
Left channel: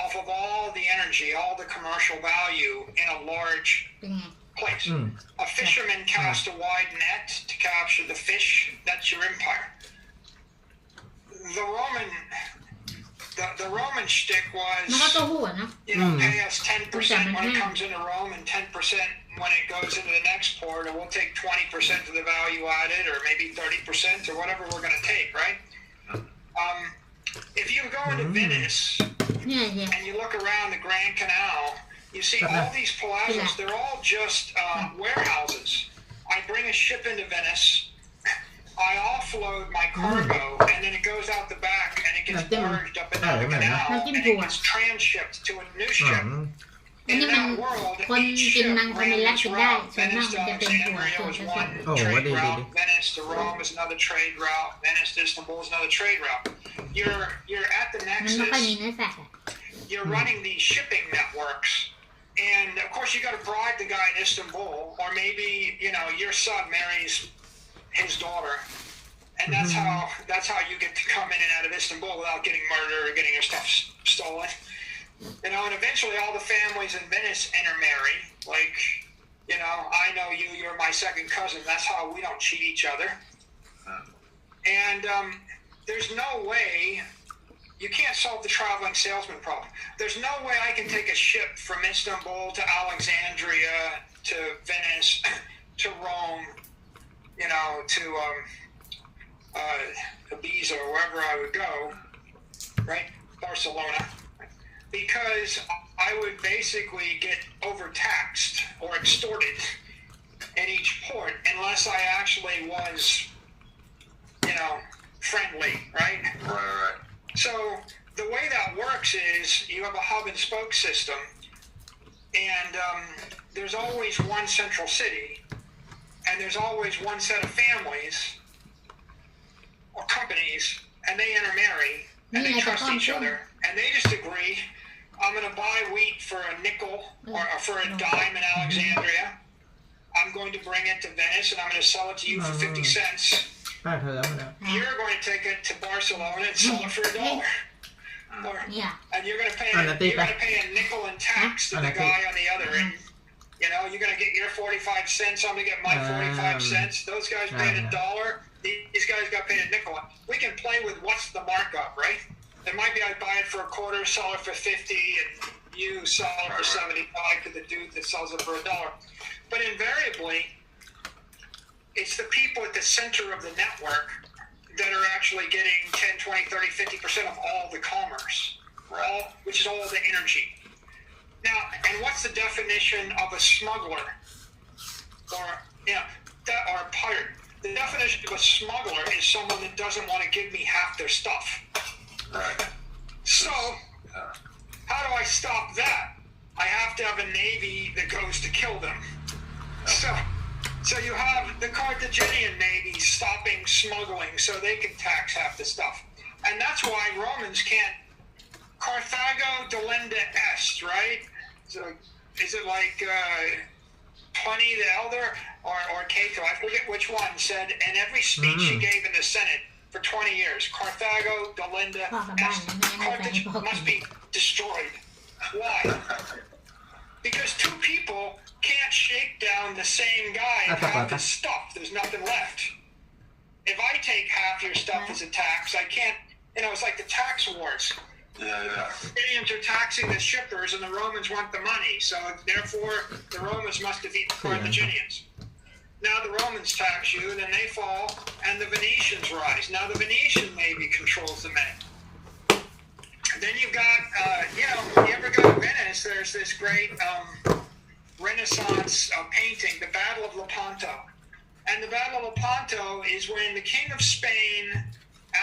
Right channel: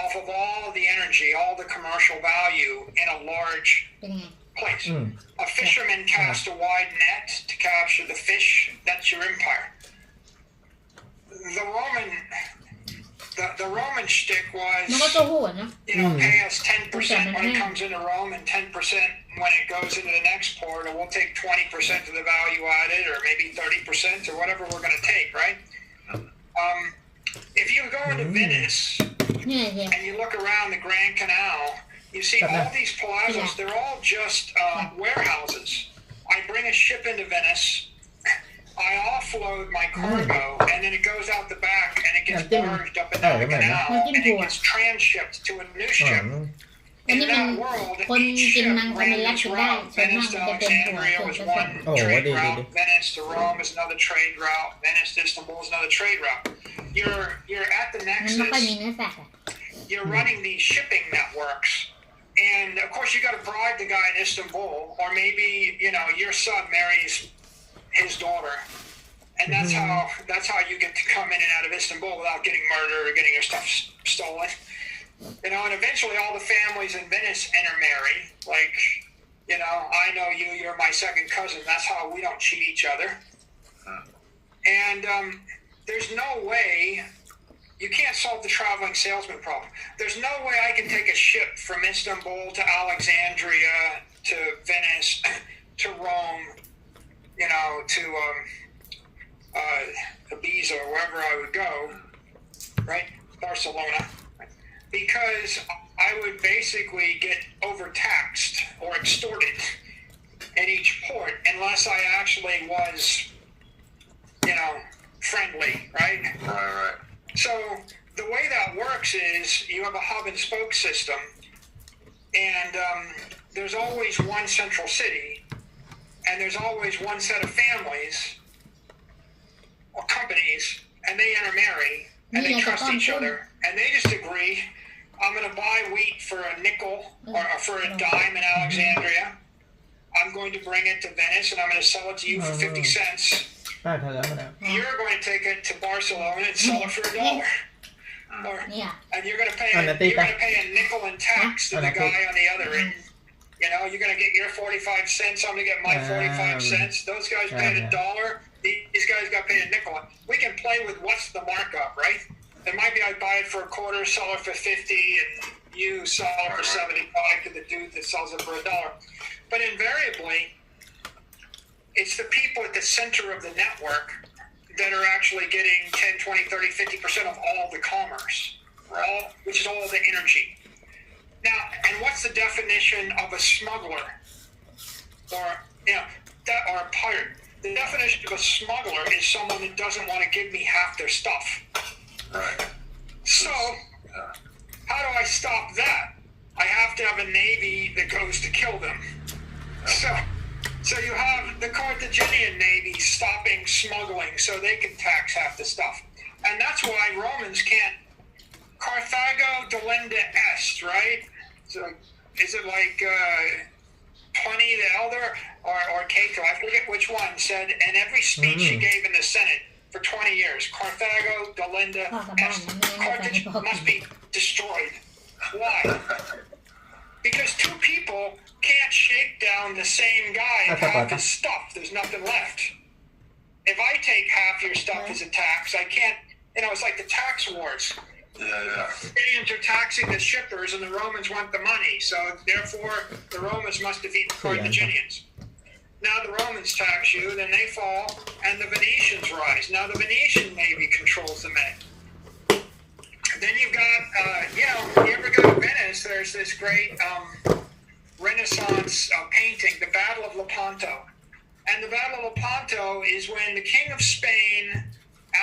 off of all the energy, all the commercial value in a large เป็นไง place. อืม A fisherman cast a wide net to capture the fish. That's your empire. The Roman shtick มันก็ was, ตัวหัวเนอะ pay us 10% when it comes into Rome and 10% when it goes into the next port, and we'll take 20% of the value added, or maybe 30%, or whatever we're going to take, right? If you go into Venice เนี่ยเฮีย and you look around the Grand Canal, you see all these palazzos, they're all just warehouses. I bring a ship into Venice, I offload my cargo, and then it goes out the back and it gets barged up and down the canal, and it gets transshipped to a new อื ship. ม อัน In นี้มัน that world, คน each กิน ship มังสวิรัต ran กิ its นได้ route. ส่วนมาก Venice มัน to จะเป็นหัว Alexandria ส่วน was ผสม one Oh, trade what did route. it- Venice to Rome is another trade route. Venice to Istanbul is another trade route. You're at the มันไม่ค่อยมี nexus. เนื้อสัตว์อะ You're running these shipping networks. And of course, you got to bribe the guy in Istanbul, or maybe your son marries his daughter, and that's how you get to come in and out of Istanbul without getting murdered or getting your stuff stolen. And eventually, all the families in Venice intermarry. Like, I know you, you're my second cousin. That's how we don't cheat each other. And there's no way. You can't solve the traveling salesman problem. There's no way I can take a ship from Istanbul to Alexandria to Venice to Rome, to Ibiza or wherever I would go, right? Barcelona. Because I would basically get overtaxed or extorted in each port unless I actually was, friendly, right? Right. So the way that works is you have a hub and spoke system, and there's always one central city, and there's always one set of families or companies, and they intermarry, and they trust each other, and they just agree, I'm going to buy wheat for a nickel or for a dime in Alexandria. I'm going to bring it to Venice, and I'm going to sell it to you for 50 cents. ป้าเขาแล้วมาแล้ว You're going to take it to Barcelona and sell it for $1. Or, เนี่ย and you're going to pay On a a nickel in tax to On the a guy on the other end. You're going to get your 45 cents. I'm going to get my 45 cents. Those guys paid $1. These guys got paid a nickel. We can play with what's the markup, right? It might be I buy it for a quarter, sell it for 50, and you sell it for 75 to the dude that sells it for $1. But invariably, it's the people at the center of the network that are actually getting 10, 20, 30, 50% of all the commerce, which is all the energy. Now, and what's the definition of a smuggler or or a pirate? The definition of a smuggler is someone that doesn't want to give me half their stuff. Right. So, how do I stop that? I have to have a navy that goes to kill them. So you have the Carthaginian navy stopping smuggling so they can tax half the stuff. And that's why Romans can't. Carthago delenda est, right? So is it like Pliny the Elder or Cato? I forget which one said in every speech he gave in the Senate for 20 years, Carthago delenda est. Carthage must be destroyed. Why? Because two people can't shake down the same guy and half his stuff. There's nothing left. If I take half your stuff as a tax, I can't, it's like the tax wars. Yeah. The Carthaginians are taxing the shippers and the Romans want the money. So therefore, the Romans must defeat the Carthaginians. Now the Romans tax you, then they fall, and the Venetians rise. Now the Venetian navy controls the Med. Then you've got, you ever go to Venice, there's this great Renaissance painting, the Battle of Lepanto. And the Battle of Lepanto is when the King of Spain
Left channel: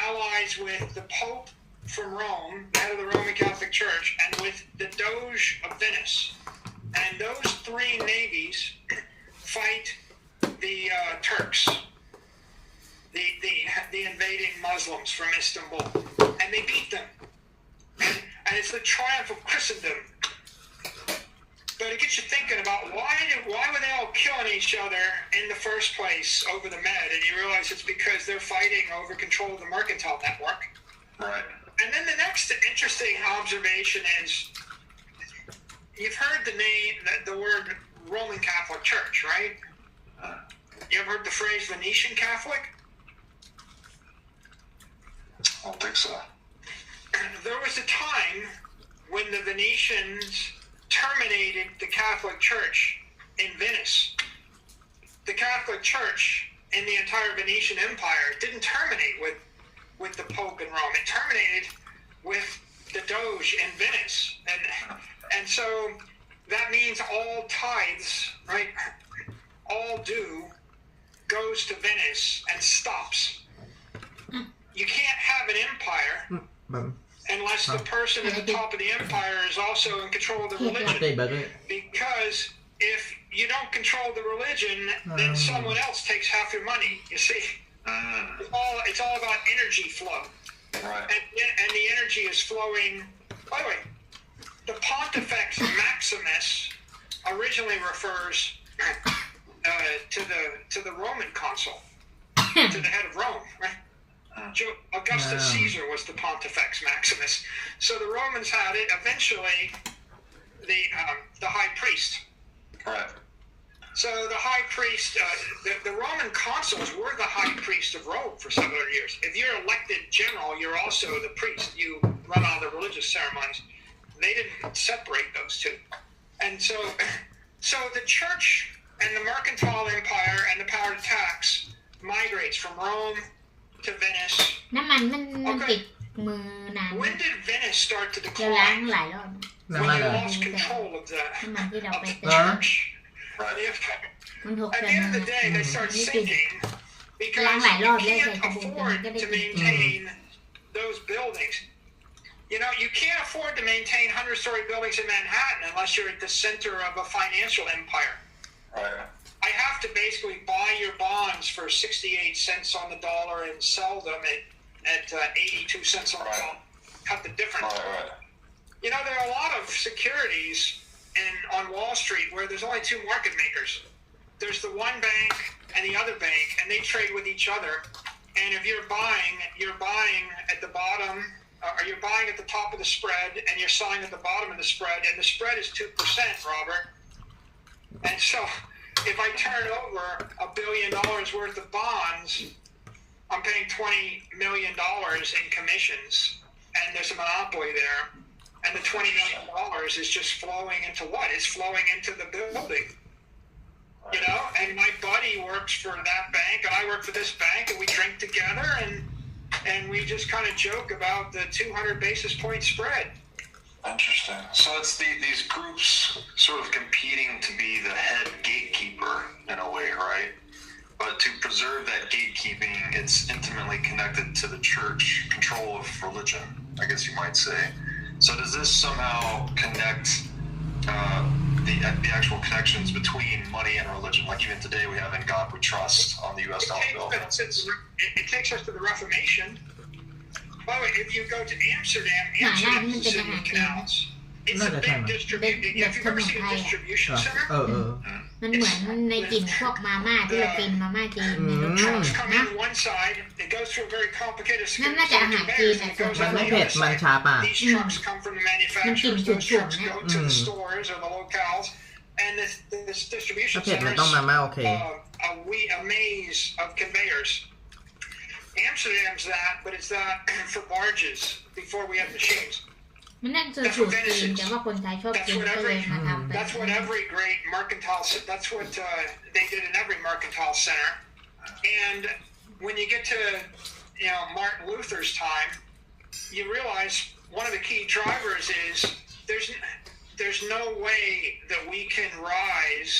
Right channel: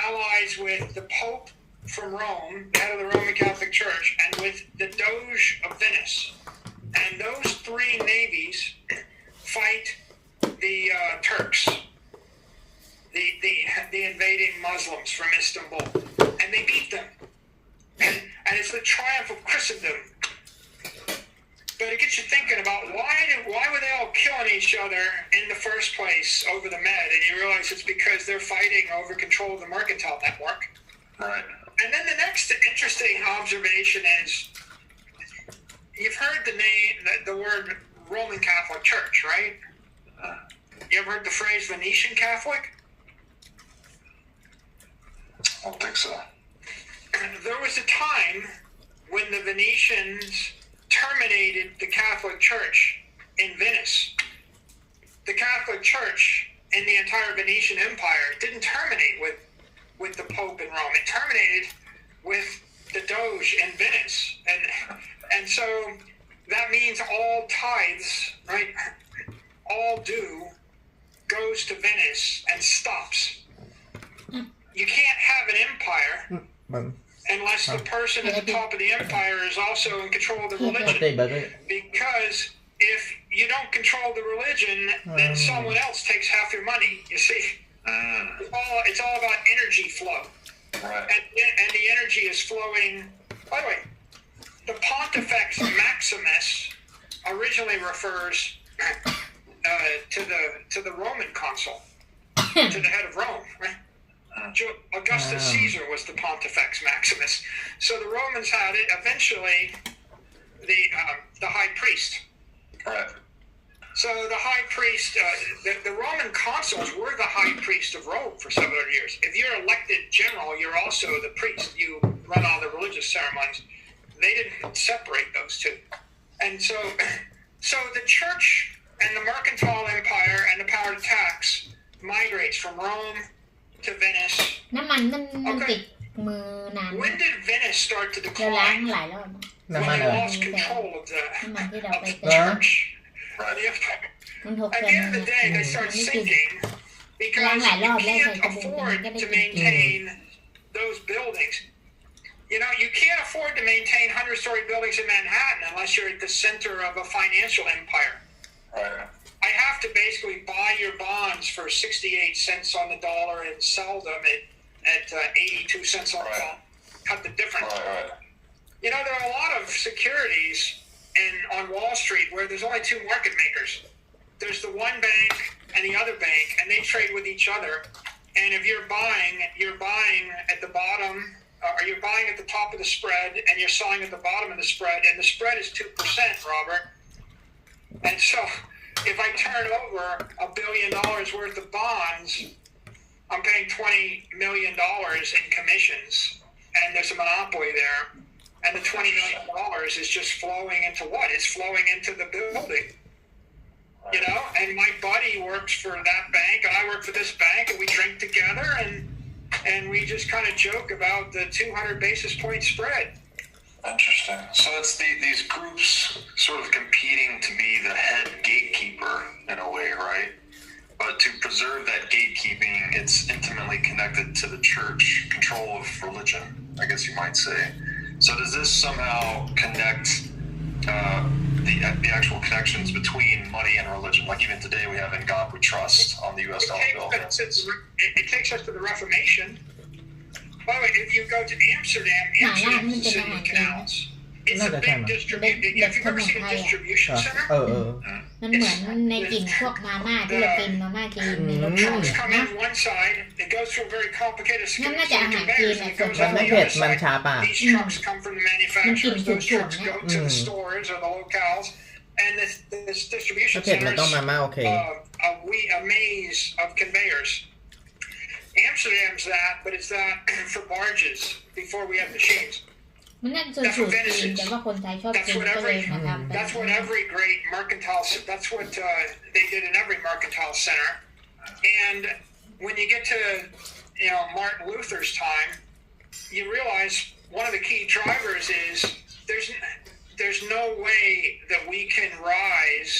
allies with the Pope from Rome, head of the Roman Catholic Church, and with the Doge of Venice. And those three navies fight the Turks, the invading Muslims from Istanbul. And they beat them. And it's the triumph of Christendom. but it gets you thinking about why were they all killing each other in the first place over the Med? And you realize it's because they're fighting over control of the mercantile network. Right. And then the next interesting observation is, you've heard the word Roman Catholic Church, right? You ever heard the phrase Venetian Catholic? I don't think so. There was a time when the Venetians terminated the Catholic Church in Venice. The Catholic Church in the entire Venetian Empire didn't terminate with the Pope in Rome. It terminated with the Doge in Venice. And so that means all tithes, right, all due goes to Venice and stops. You can't have an empire unless the person at the top of the empire is also in control of the religion. Because if you don't control the religion, then someone else takes half your money. You see, it's all about energy flow, and the energy is flowing. By the way, the Pontifex Maximus originally refers to the Roman consul, to the head of Rome, right? Augustus Caesar was the Pontifex Maximus. So the Romans had it. Eventually, the high priest. Right. So the high priest, the Roman consuls were the high priest of Rome for 700 years. If you're elected general, you're also the priest. You run all the religious ceremonies. They didn't separate those two. And so the church and the mercantile empire and the power to tax migrates from Rome to Venice. น้ำมันมันติดมือนาน When did Venice start to เราล้าง decline? หลายรอบ When they lost control of the น้ำมันที่เราไป the เติม church. มันหก At เดื the อน end of the day, they start ไม่ติด sinking because Lang lại you rồi, lên can't phải có bụng, afford cái to này cái maintain those buildings. You know, you can't afford to maintain 100-story buildings in Manhattan unless you're at the center of a financial empire. Right. I have to basically buy your bonds for 68 cents on the dollar and sell them at 82 cents on the dollar. Cut the difference. Right. You know, there are a lot of securities on Wall Street where there's only two market makers. There's the one bank and the other bank, and they trade with each other. And if you're buying at the bottom, or you're buying at the top of the spread, and you're selling at the bottom of the spread, and the spread is 2%, Robert. And so if I turn over $1 billion worth of bonds, I'm paying $20 million in commissions, and there's a monopoly there. And the $20 million is just flowing into what? It's flowing into the building. You know, and my buddy works for that bank, and I work for this bank, and we drink together, and we just kind of joke about the 200 basis point spread. Interesting. So it's these groups sort of competing to be the head gatekeeper in a way, right? But to preserve that gatekeeping, it's intimately connected to the church control of religion, I guess you might say. So does this somehow connect the actual connections between money and religion? Like even today we have In God We Trust on the U.S. dollar bill. It takes us to the Reformation. By the way, if you go to Amsterdam is the city of canals. It's a big distribution. If you've ever seen a distribution center, มันเหมือนในกลิ่นพวกมาม่าที่เรากินมาม่าจีนในรถทัว trucks ร์ come นะ in one side. It goes through a very complicated นั่นน่าจะอาหารจีน conveyors. อ่ะ It ส่วน goes มัน on ไม่ the เผ็ด other มัน side. ชาปาก These trucks come from the manufacturers. Those trucks go to the stores or the locales, and this distribution ถ้าเผ็ด center มันต้องมาม่าโอเค a maze of conveyors. Amsterdam's that, but it's that for barges before we have machines. มันนั่นคือสูตรจีนแต่ว่าคนไทยชอบกินก็เลยมาทำเป็น That's what every great mercantile. That's what they did in every mercantile center. And when you get to Martin Luther's time, you realize one of the key drivers is there's no way that we can rise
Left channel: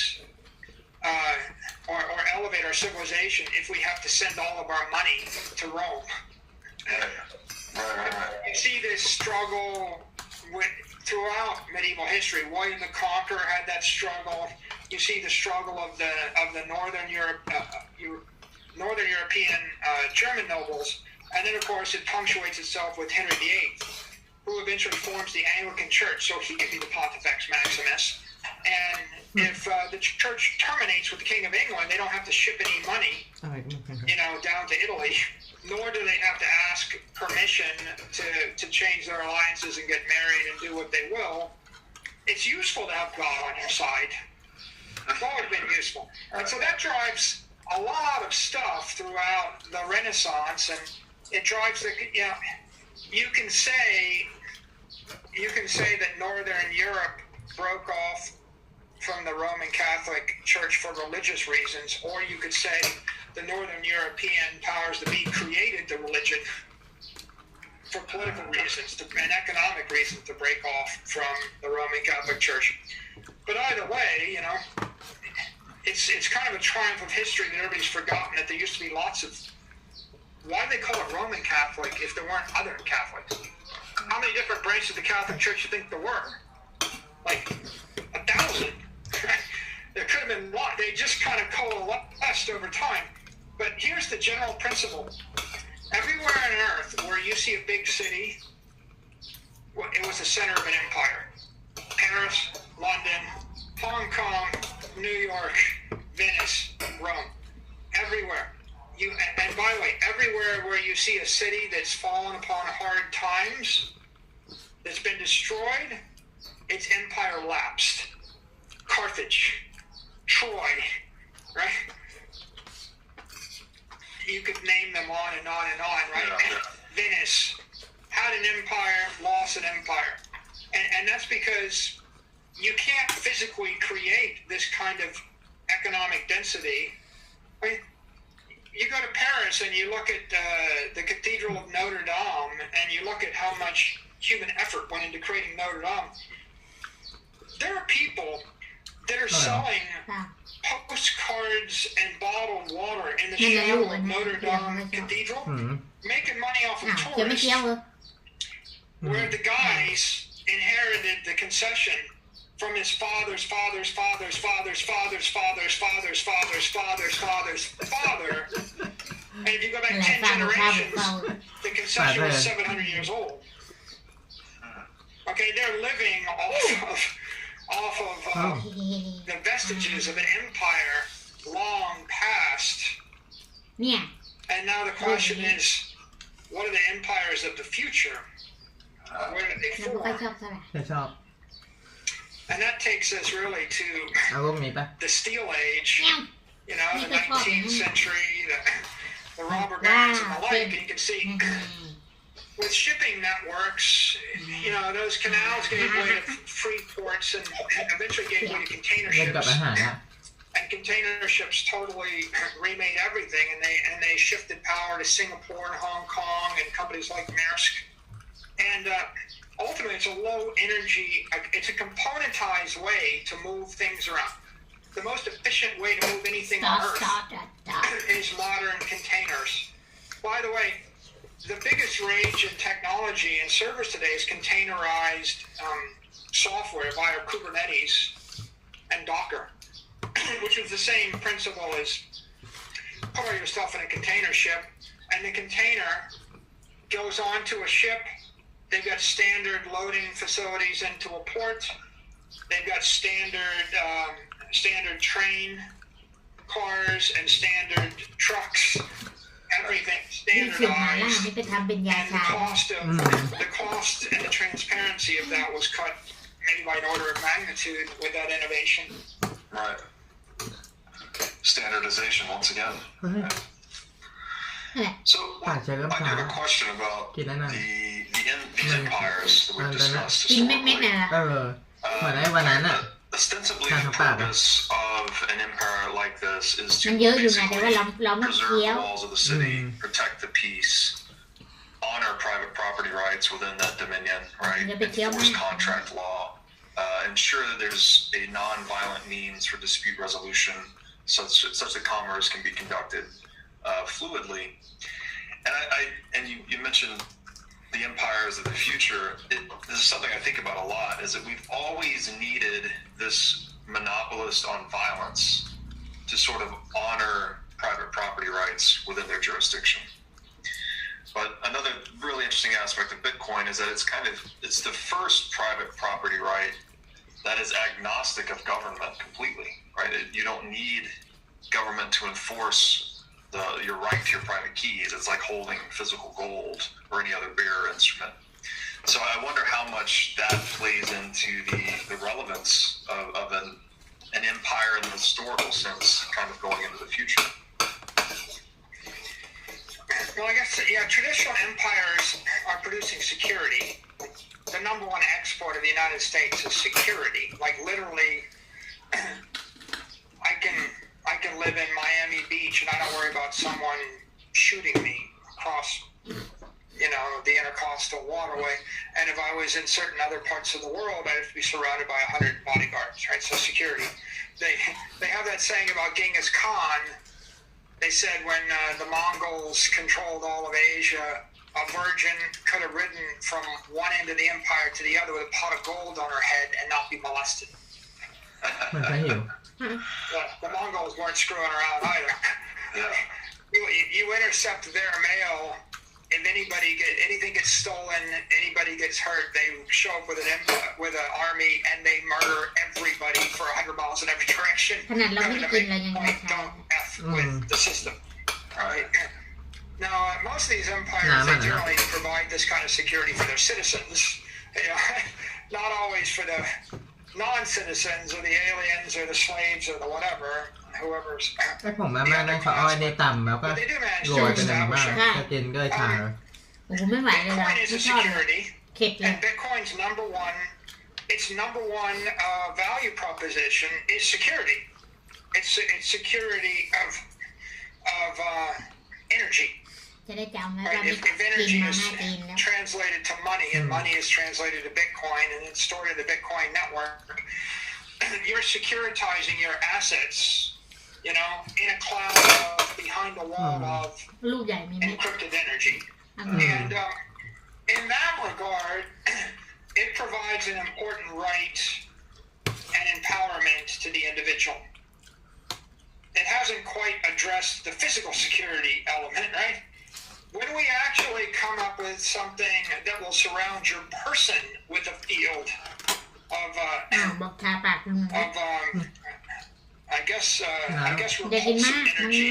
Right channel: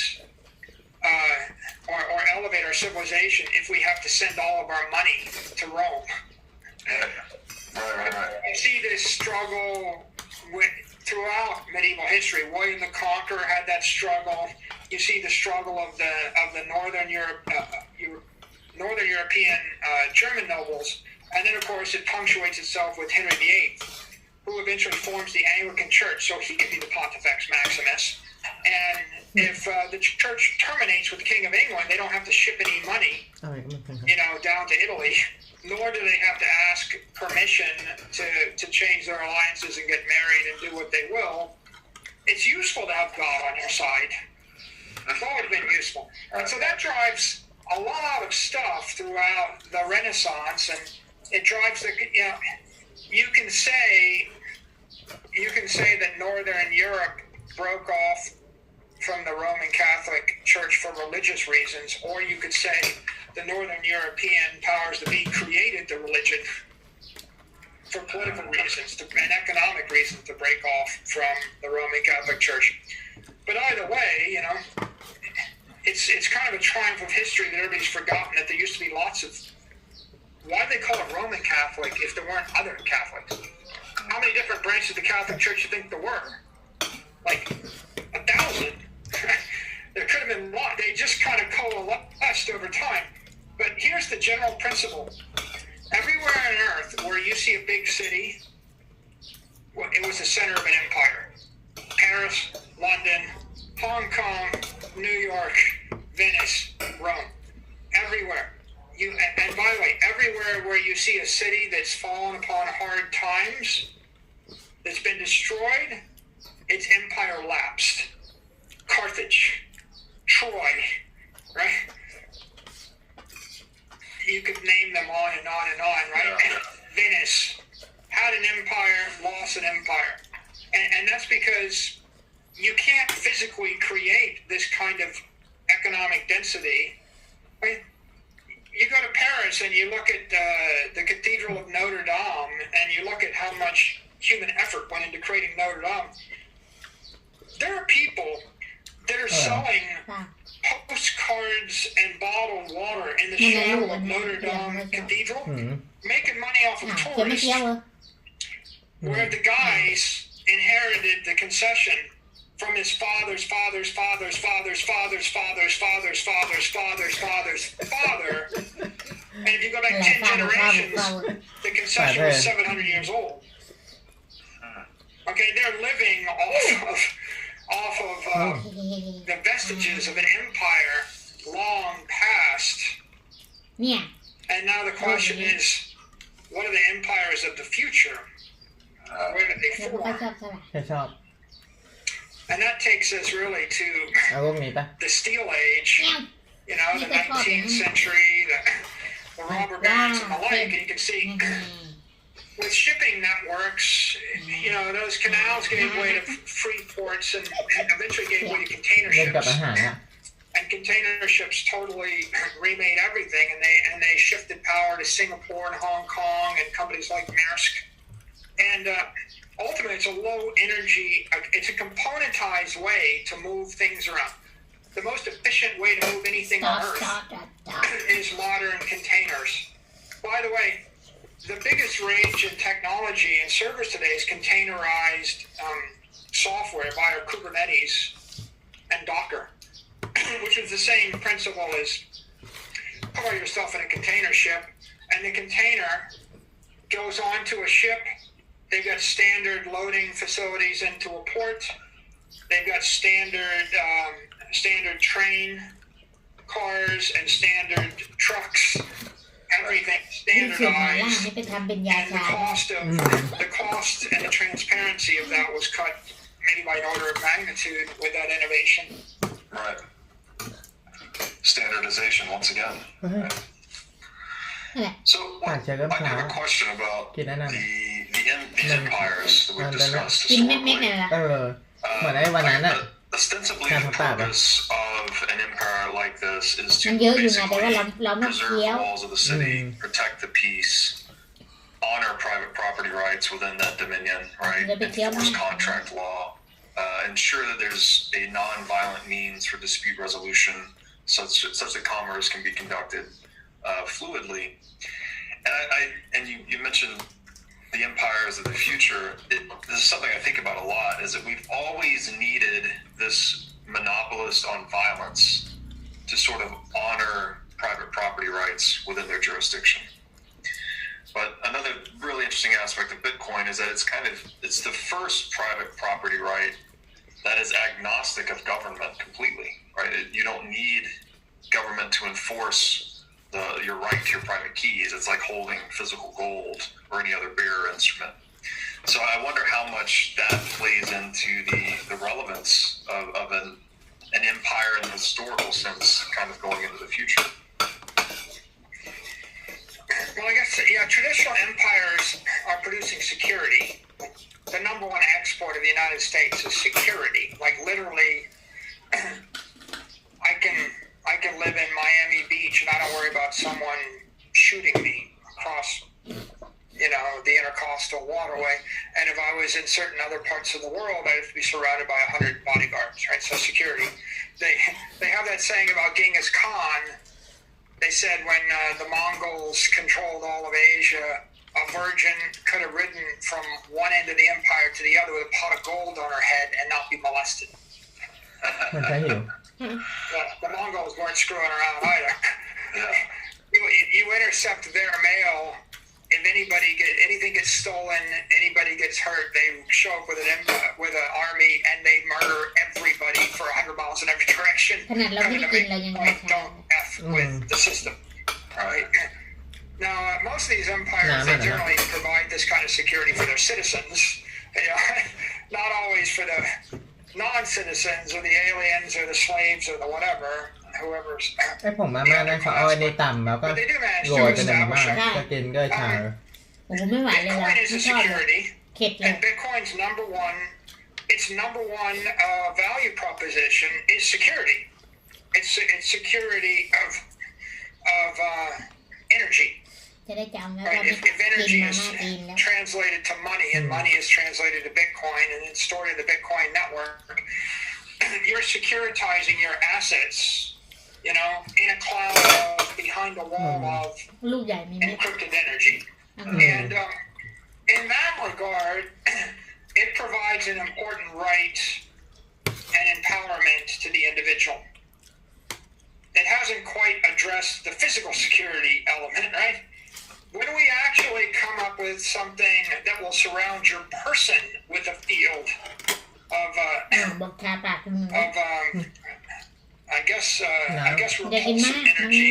or elevate our civilization if we have to send all of our money to Rome. Right. You see this struggle throughout medieval history. William the Conqueror had that struggle. You see the struggle of the Northern European German nobles, and then of course it punctuates itself with Henry VIII, who eventually forms the Anglican Church. So he could be the Pontifex Maximus, And if the church terminates with the King of England, they don't have to ship any money, อะไรก็ไม่เป็นครับ down to Italy, nor do they have to ask permission to change their alliances and get married and do what they will. It's useful to have God on your side. It's always been useful. And so that drives a lot of stuff throughout the Renaissance, and it drives you can say that Northern Europe broke off from the Roman Catholic Church for religious reasons, or you could say the Northern European powers that be created the religion for political reasons and economic reasons to break off from the Roman Catholic Church. But either way, it's kind of a triumph of history that everybody's forgotten that there used to be lots of. Why do they call it Roman Catholic if there weren't other Catholics? How many different branches of the Catholic Church do you think there were? Like 1,000. There could have been a lot. They just kind of coalesced over time. But here's the general principle. Everywhere on earth where you see a big city, it was the center of an empire. Paris, London, Hong Kong, New York, Venice, Rome. Everywhere. And by the way, everywhere where you see a city that's fallen upon hard times, that's been destroyed, its empire lapsed. Carthage, Troy, right? You could name them on and on and on, right? Yeah. Venice had an empire, lost an empire. And that's because you can't physically create this kind of economic density. Right? You go to Paris and you look at the Cathedral of Notre Dame and you look at how much human effort went into creating Notre Dame. There are people that are selling postcards and bottled water in the shadow of Notre Dame Cathedral, making money off of tourists, where the guys inherited the concession from his father's father's father's father's father's father's father's father's father's father's father. And if you go back 10 generations, the concession was 700 years old. Okay, they're living off of the vestiges of an empire long past. Yeah. And now the question is, what are the empires of the future? Where did they form? จะชอบ And that takes us really to เอาพวกนี้ปะ the Steel Age, the 19th century, the robber barons and the like, and you can see with shipping networks, those canals gave way to free ports and eventually gave way to container เล่นกับ ships. อาหารอะ And container ships totally remade everything, and they shifted power to Singapore and Hong Kong and companies like Maersk. And ultimately, it's a low energy, it's a componentized way to move things around. The most efficient way to move anything on Earth is modern containers. By the way, the biggest rage in technology and servers today is containerized software via Kubernetes and Docker, which is the same principle as put all your stuff in a container ship, and the container goes onto a ship. They've got standard loading facilities into a port. They've got standard train cars and standard trucks. Everything นี่เสียงหมาล่า standardized. นี่ไปทำเป็นยา And ชา the cost and the transparency of that was cut maybe by an order of magnitude with that innovation. Right. Standardization once again. เฮ้ย So I have a question about the empires that we've discussed กินเม็ดๆน่ะ เออ เหมือนไอ้วันนั้นอะ Ostensibly, the purpose of an empire like this is to มันเยอะอยู่ไง basically แต่ว่าเราไม่ preserve เคี้ยว the walls of the city, protect the peace, honor private property rights within that dominion, right? Enforce contract law, ensure that there's a non-violent means for dispute resolution, such that commerce can be conducted fluidly. And you mentioned the empires of the future. This is something I think about a lot, is that we've always needed this monopolist on violence to sort of honor private property rights within their jurisdiction. But another really interesting aspect of Bitcoin is that it's the first private property right that is agnostic of government completely, right? You don't need government to enforce your right to your private keys. It's like holding physical gold or any other bearer instrument. So I wonder how much that plays into the relevance of an empire in the historical sense, kind of going into the future. Well, I guess, yeah, traditional empires are producing security. The number one export of the United States is security. Like, literally, I can live in Miami Beach and I don't worry about someone shooting me across, the intercoastal waterway. And if I was in certain other parts of the world, I'd have to be surrounded by 100 bodyguards, right? So security. They have that saying about Genghis Khan. They said when the Mongols controlled all of Asia, a virgin could have ridden from one end of the empire to the other with a pot of gold on her head and not be molested. มันจะหิว The Mongols weren't screwing around either. You intercept their mail. If anything gets stolen, anybody gets hurt, they show up with an army and they murder everybody for 100 miles in every direction. ขนาดเราไม่ได้กินเรายังราคา Don't F with the system. Right? Now, most of these empires, they generally provide this kind of security for their citizens. Not always for the non-citizens or the aliens or the slaves or the whatever, whoever's. ไอ้ผมมาม่านั่นเขาเอาไอ้นี่ตำแล้วก็ But they do manage โร to ยเป็นมาม่า establish ก็กินด้วยชา โอ้โหไม่ไหวเลยว่ะ Bitcoin is ไม่ a ชอบเลย security, เข็ดเลย and Bitcoin's its number one value proposition is security. It's security of energy. จะได้จำไว้ว่า Right? ไม่ If กิน energy มา is ม่าจีนแล้ว translated to money, and money is translated to Bitcoin, and it's stored in the Bitcoin network, you're securitizing your assets, in a cloud behind a wall of ลูกใหญ่มีเม็ด encrypted energy. อัง And in that regard, it provides an important right and empowerment to the individual. It hasn't quite addressed the physical security element, right? When we actually come up with something that will surround your person with a field of บอกทาปากคุณหนู I guess Dạ, thì repulsive ma- energy,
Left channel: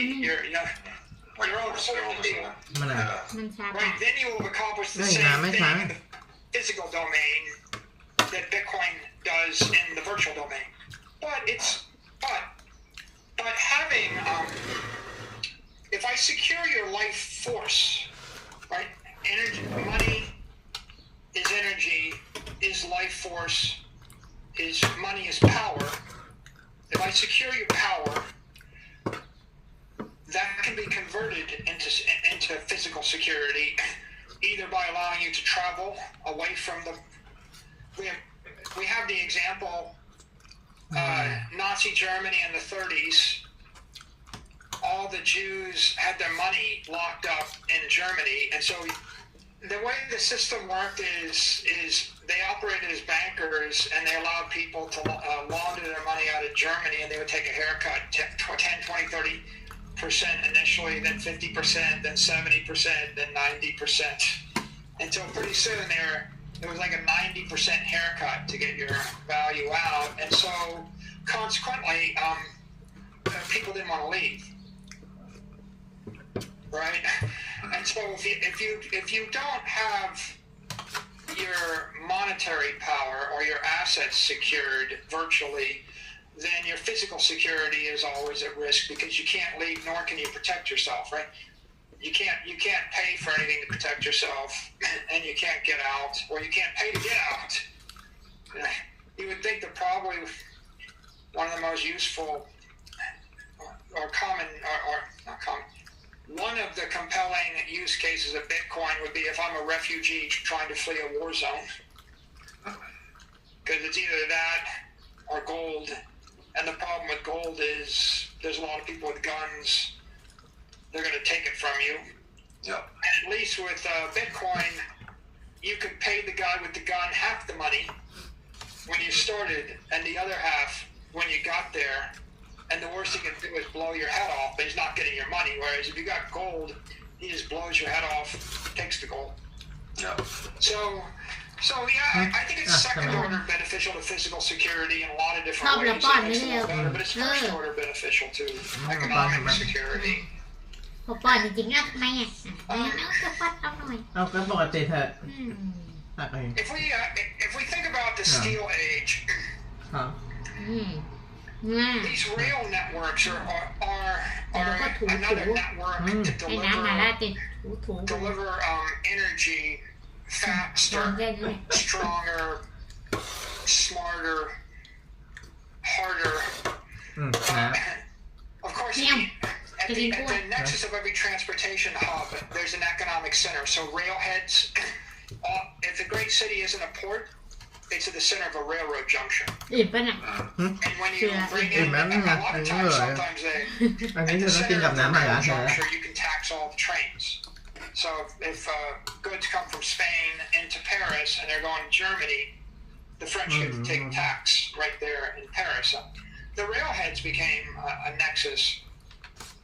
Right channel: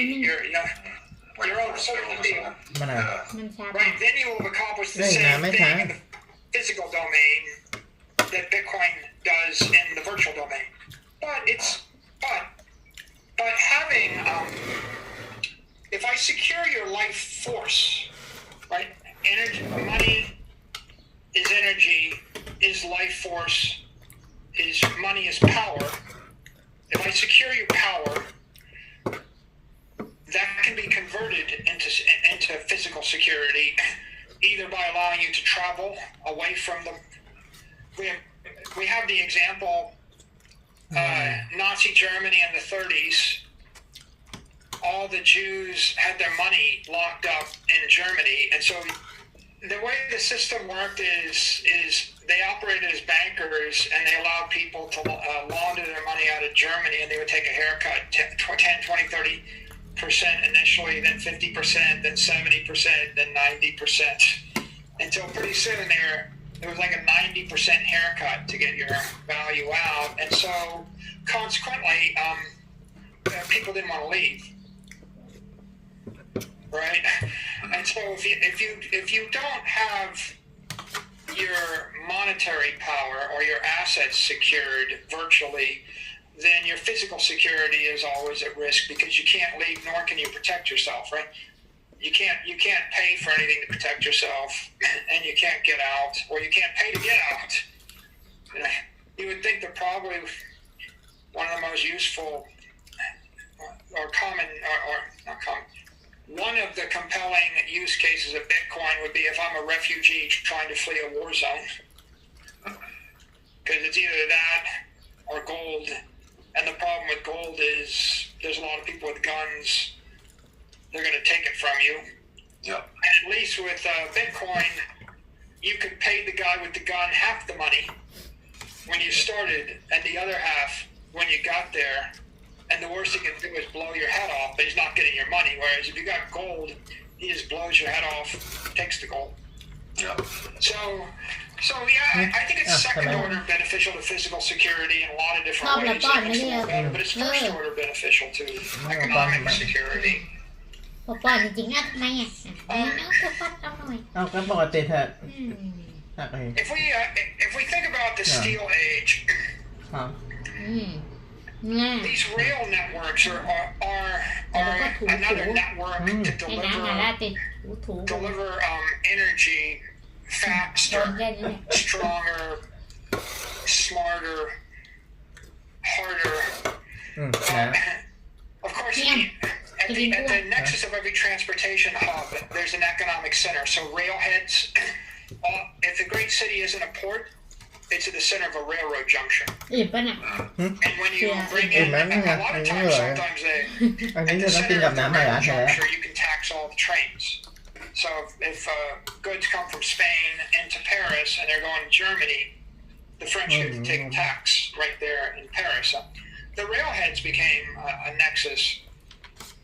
ma- your own personal field. มันอ่ะ มันชาปา Right, ก then you will accomplish the Hey, same nah, mấy thing tháng. in the physical domain that Bitcoin does in the virtual domain. But having, if I secure your life force, right? Money is energy, is life force, money is power. If I secure your power, that can be converted into physical security, either by allowing you to travel away from the. We have the example, Nazi Germany in the 30s. All the Jews had their money locked up in Germany, and so the way the system worked is they operated as bankers, and they allowed people to launder their money out of Germany, and they would take a haircut, 10, 20, 30% initially, then 50%, then 70%, then 90%, until pretty soon there was like a 90% haircut to get your value out, and so consequently, people didn't want to leave. Right, and so if you don't have your monetary power or your assets secured virtually, then your physical security is always at risk because you can't leave, nor can you protect yourself. Right, you can't pay for anything to protect yourself, and you can't get out, or you can't pay to get out. You would think that probably one of the most useful or common or not common. One of the compelling use cases of Bitcoin would be if I'm a refugee trying to flee a war zone. Because it's either that or gold. And the problem with gold is there's a lot of people with guns. They're going to take it from you. Yep. And at least with Bitcoin, you could pay the guy with the gun half the money when you started and the other half when you got there. And the worst he can do is blow your head off, but he's not getting your money. Whereas if you got gold, he just blows your head off, takes the gold. Yep. So So yeah, I think it's second order beneficial to physical security in a lot of different ways. It makes the world better, but it's first order beneficial to economic security. พอป้อนจริงๆอ่ะทำไมอ่ะน้องจะฟัดเอาหน่อย เอาก็ปกติเถอะ อืม ตักเอง If we think about the steel age, ครับ อืมง่าย these rail networks are another network to ให้น้ำมาลาติดถูๆ deliver energy โด faster, นแค่นี้ stronger, smarter, harder. นะ Of course, Yeah. at the nexus of every transportation hub, there's an economic center. So railheads, if the great city isn't a port, it's at the center of a railroad junction. อิ่มป่ะน่ะ And when you bring in, a lot of times, sometimes they, อันนี้ at จะ the ต้องกิน center กับ of the น้ำอะไร railroad ฮะ juncture, you can tax all the trains. So if goods come from Spain into Paris and they're going to Germany, the French get to take tax right there in Paris. The railheads became a nexus.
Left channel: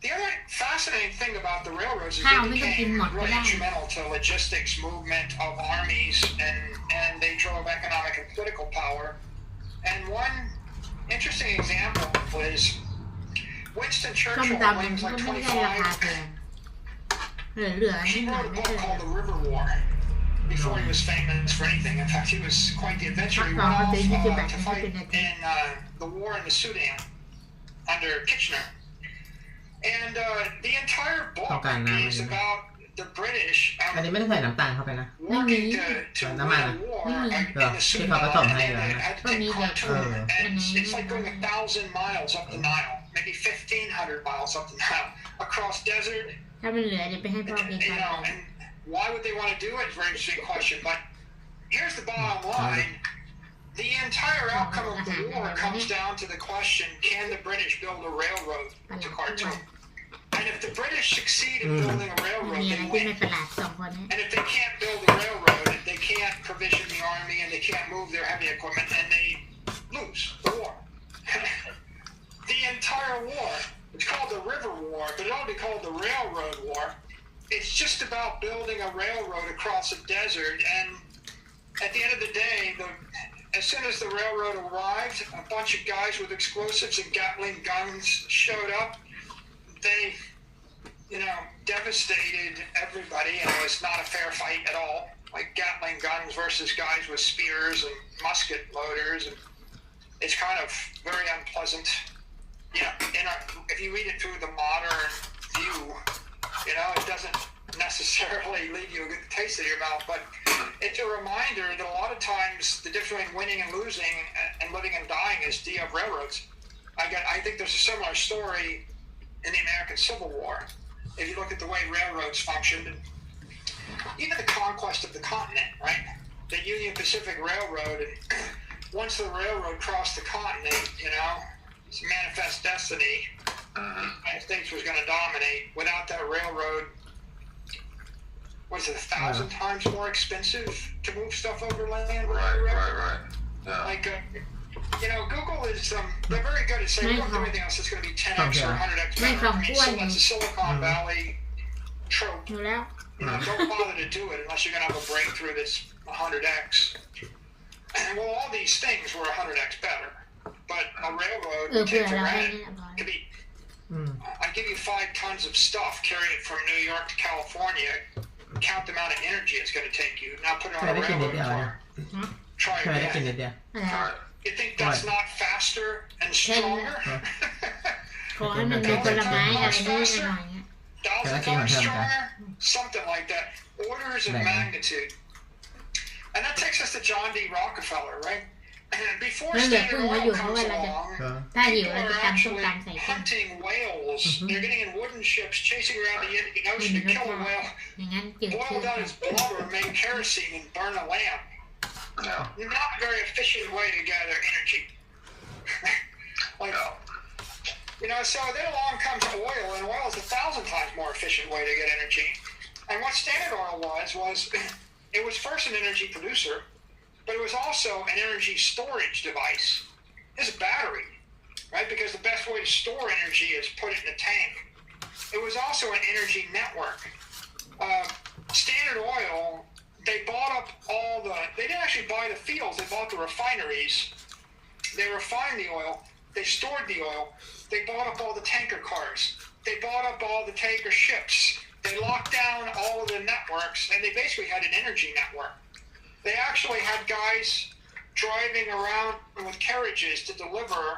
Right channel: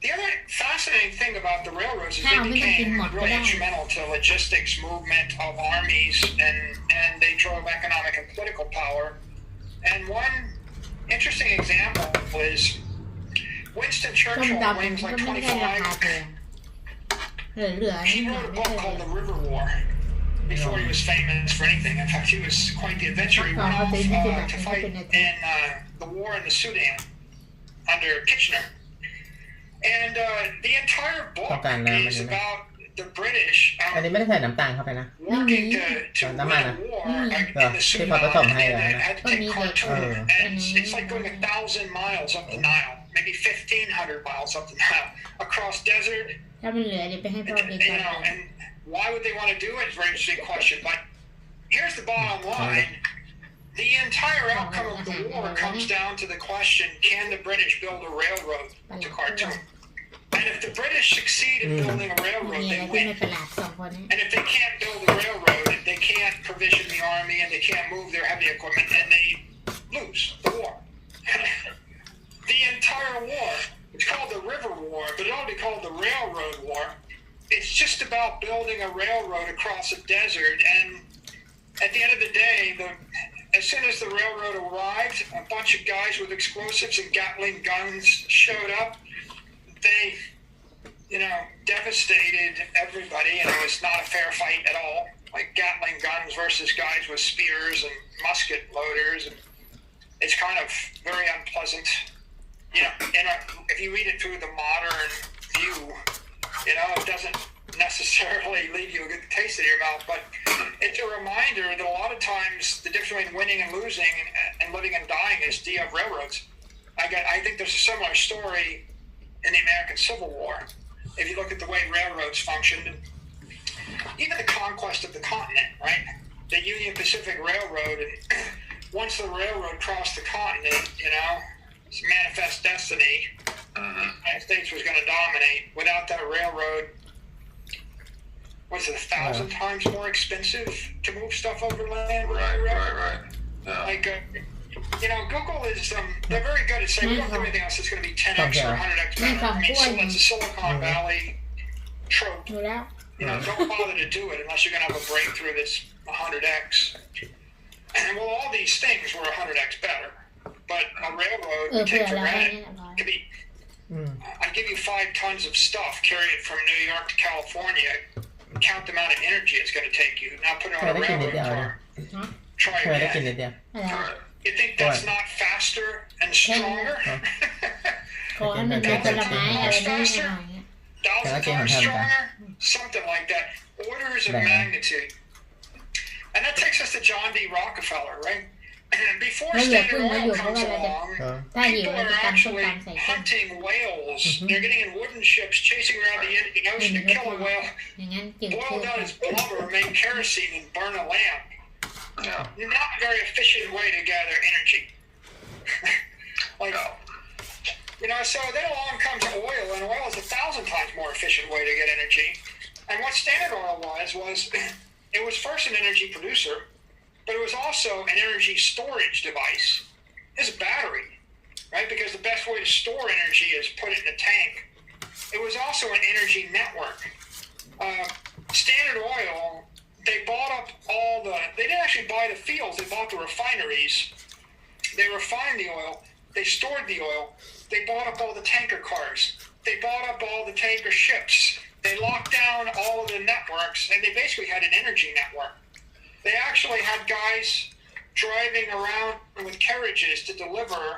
The other fascinating thing about the railroads is they became really instrumental to logistics movement of armies, and they drove economic and political power. And one interesting example is Winston ส้ม Churchill, ตำ when he มัน was ก็ like ไม่ได้ราคา 25, แพงเหลือๆ he นี่หน่อย wrote a ไม่ book เคย called The River War before he was famous for anything. In fact, he was quite the adventurer. He went off to fight in the war in the Sudan under Kitchener. And the entire book is about the British อันนี้ไม่ได้ใส่น้ำตาลเข้าไปนะ working to win a war in the Sudan. And had to take Khartoum. And it's like going 1,000 miles up the Nile, maybe 1,500 miles up the Nile, across desert. ถ้ามันเหลือเดี๋ยวไปให้พ่อกิน You know, and why would they want to do it? It's a very interesting question. But here's the bottom line. The entire outcome of the war comes down to the question, can the British build a railroad to Khartoum? And if the British succeed in building a มี railroad, อะไร they ที่ไม่ win. ประหลาดสองคนนี้ And if they can't build a railroad, they can't provision the army, and they can't move their heavy equipment, and they lose the war. The entire war, it's called the River War, but it ought to be called the Railroad War. It's just about building a railroad across a desert, and at the end of the day, as soon as the railroad arrived, a bunch of guys with explosives and Gatling guns showed up. They, devastated everybody, and it was not a fair fight at all. Like Gatling guns versus guys with spears and musket loaders, and it's kind of very unpleasant. If you read it through the modern view, it doesn't necessarily leave you a good taste in your mouth, but it's a reminder that a lot of times the difference between winning and losing and living and dying is do you have railroads. I think there's a similar story in the American Civil War. If you look at the way railroads functioned, and even the conquest of the continent, right? The Union Pacific Railroad, and once the railroad crossed the continent, it's manifest destiny. The United States was going to dominate. Without that railroad, was it 1,000 times more expensive to move stuff overland? Right. Yeah. Like, Google is, they're very good at saying, we don't do anything else that's going to be 10x or 100x better. I mean, so that's a Silicon Valley trope. ดูแล้ว Don't bother to do it unless you're going to have a breakthrough that's 100x. And well, all these things were 100x better. But a railroad, เพื่ take อ for เราให้ granted, นี่เรียบร้อย could be, I give you 5 tons of stuff, carry it from New York to California, count the amount of energy it's going to take you. Now put it on a railroad car. Try เคยได้กิน again. นิดเดียว You think that's not faster and stronger? ขอให้มันมีผลไม้อะไรนิดหน่อยเงี้ย 1,000 times stronger? Something like that. Orders of magnitude. And that takes us to John D. Rockefeller, right? And before Standard Oil comes along, ถ้าหิว people เราจะ are ตำส้ม actually ตำใส่กุ้ง hunting whales. They're getting in wooden ships, chasing around the Indian ไม่ Ocean มี to รส kill a ชาติ whale, อย่างนั้นจืด boil ชืด down his blubber, make kerosene, and burn a lamp. Yeah. Not a very efficient way to gather energy. So then along comes oil, and oil is 1,000 times more efficient way to get energy. And what Standard Oil was it was first an energy producer, but it was also an energy storage device. It's a battery, right? Because the best way to store energy is put it in a tank. It was also an energy network. Standard Oil they bought up all the. They didn't actually buy the fields. They bought the refineries. They refined the oil. They stored the oil. They bought up all the tanker cars. They bought up all the tanker ships. They locked down all of the networks, and they basically had an energy network. They actually had guys driving around with carriages to deliver,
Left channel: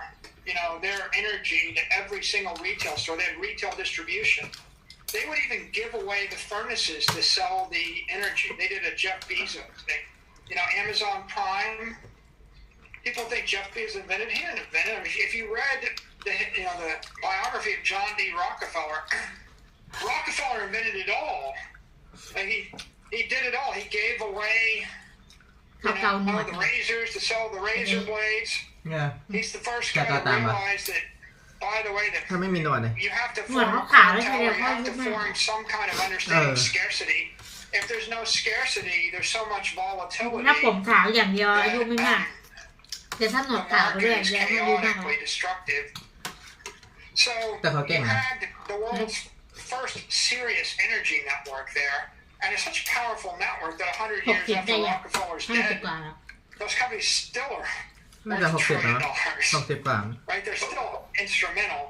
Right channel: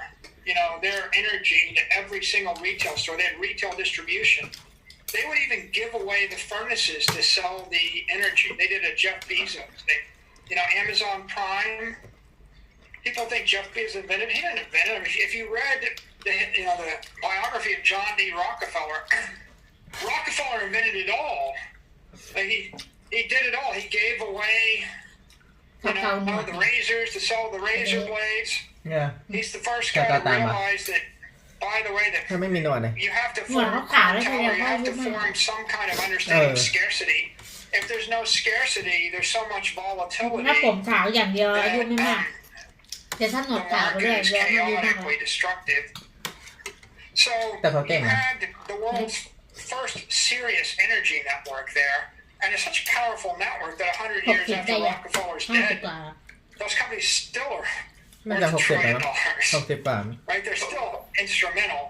their energy to every single retail store. They had retail distribution. They would even give away the furnaces to sell the energy. They did a Jeff Bezos thing. Amazon Prime. People think Jeff Bezos invented it. He didn't invent it. If you read the biography of John D. Rockefeller, Rockefeller invented it all. He did it all. He gave away the razors to sell the razor blades. yeah He's the first guy to realize that, by the way, that ถ้าไม่มีหนวดเลย you have to form a cartel, you have to form some kind of understanding of scarcity. If there's no scarcity, there's so much volatility. ถ้าผมขาวอย่างเดียวอายุไม่มากแต่ถ้าหนวด The ขาวไปเรื่อย market is แย้มอายุมากเลย chaotically destructive. So แต่เขาเก่ง you นะ had the world's first serious energy network there, and it's such a powerful network that 100 years 60 ได้ after ยัง Rockefeller's 50 dead, กว่าแล้ว those companies still are น่าจะ worth 60 $1 แล้ว trillion. 60 กว่า Right? They're still instrumental.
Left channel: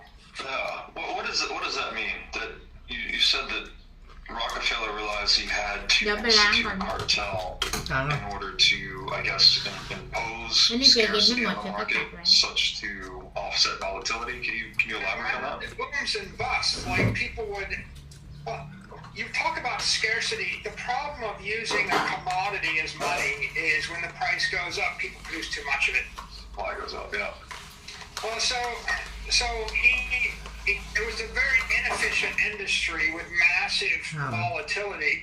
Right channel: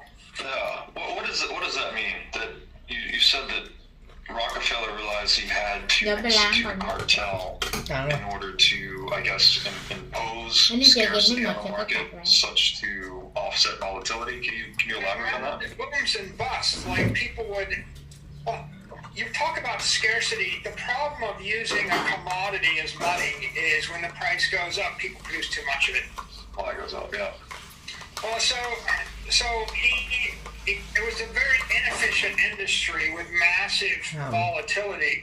What does that mean? That you said that Rockefeller realized he had to เดี๋ยวไปล้างก่อน institute a cartel ล้างแล้ว in order to, I guess, impose อันนี้เจอเย็นไม่ scarcity หม on ด the ฉันก็ตัด market ไว้ such to offset volatility. Can you elaborate on that? It booms and busts. Like people would. Well, you talk about scarcity. The problem of using a commodity as money is when the price goes up, people produce too much of it. Supply goes up, yeah. Well, so it was a very inefficient industry with massive volatility,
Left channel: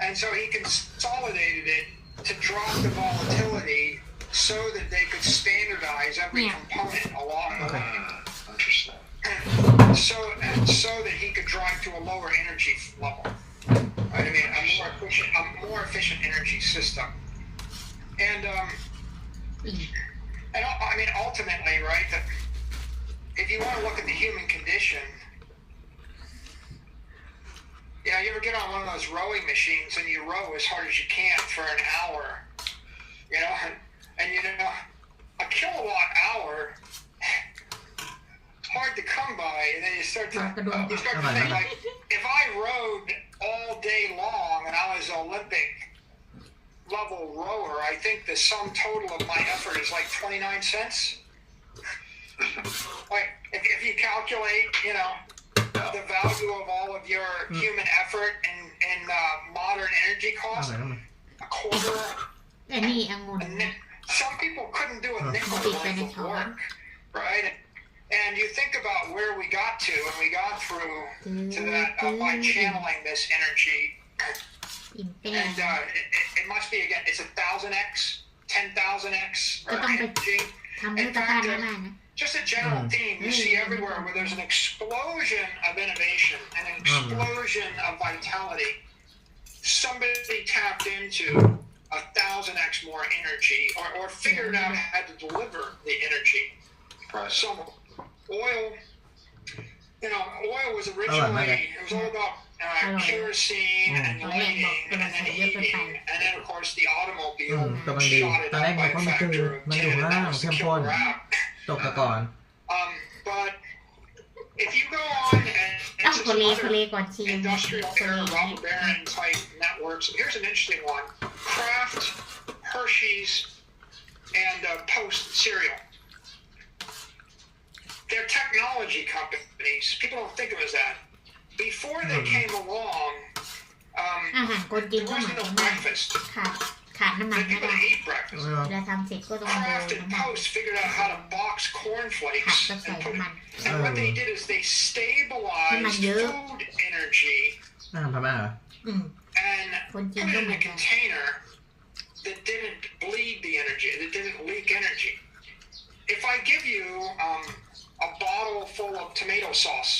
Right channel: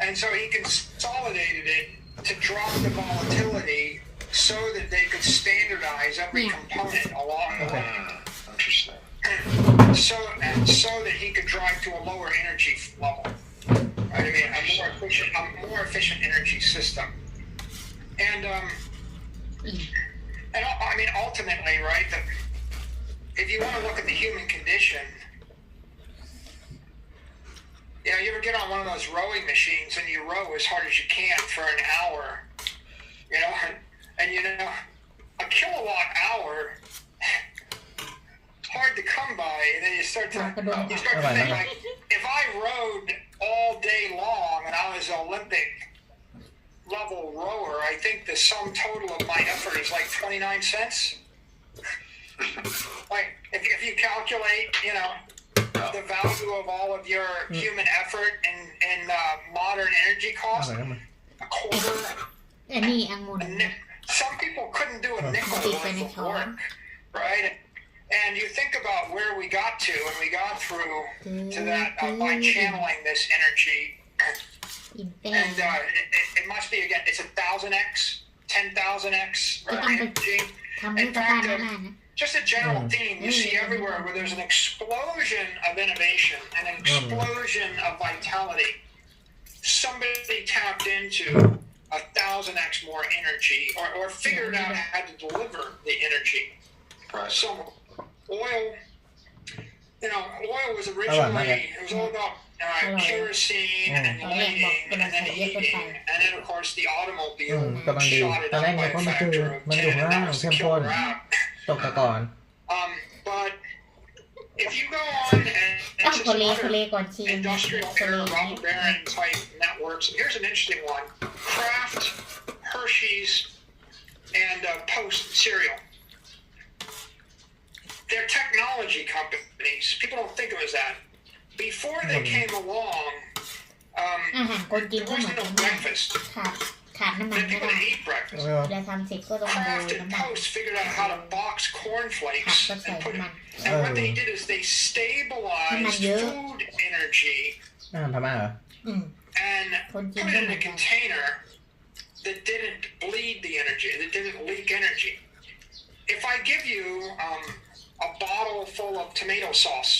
and so he consolidated it to drop the volatility so that they could standardize every component along the way. Interesting. So that he could drive to a lower energy level. Right? I mean, a more efficient energy system. And I mean, ultimately, right? If you want to look at the human condition, you ever get on one of those rowing machines and you row as hard as you can for an hour, and a kilowatt hour. Hard to come by, and then you start to think like, if I rowed all day long and I was an Olympic level rower, I think the sum total of my effort is like 29 cents. Like if you calculate, the value of all of your human effort and modern energy อะ costs, ไรนั่นมัน a quarter. อันนี้องุ่น Some people couldn't do a nickel worth of work, right? And you think about where we got to, and we got through to that by channeling this energy. อิ่มเต้ And it must be, again, it's 1,000x, 10,000x, ก็ต้อง right? ไป energy. ทำให้ชาวบ้านได้นะ Just a general theme you see everywhere where there's an explosion of innovation, an explosion of vitality. Somebody tapped into 1,000x more energy, or figured out how to deliver the energy. Right. So oil was originally, it was all about kerosene and lighting and then heating, and then of course the automobile กำลังดี shot it ตอนแร up ก by มัน a ก็คือ factor of มันอยู่ 10, ข้าง and ล่าง that was เข้ the มข้น killer app. ตกตะก่อน But if you go on and อ้าว into โค some เล other ก่อนชิม industrial โคเล era อย่างนี้ robber baron type networks, here's an interesting one: Kraft, Hershey's, and Post cereal. They're technology companies. People don't think of it as that. Before they came along, อาหารคนกิน there ก็เหมือน wasn't กั no นมาก breakfast. ขาดน้ำมัน Then ไม่ people ได้ didn't eat breakfast. เออ เวลาทำเสร็จก็ต้องดู Kraft and น้ำมัน Post figured out how to box ผัก cornflakes ก็ใส่ and put น้ำ it. มัน And what they did is they stabilized food energy อาหารพม่าเหรอ อืม and คนจี put น it ก็ in เหมือ a นกัน container that didn't bleed the energy, that didn't leak energy. If I give you a bottle full of tomato sauce,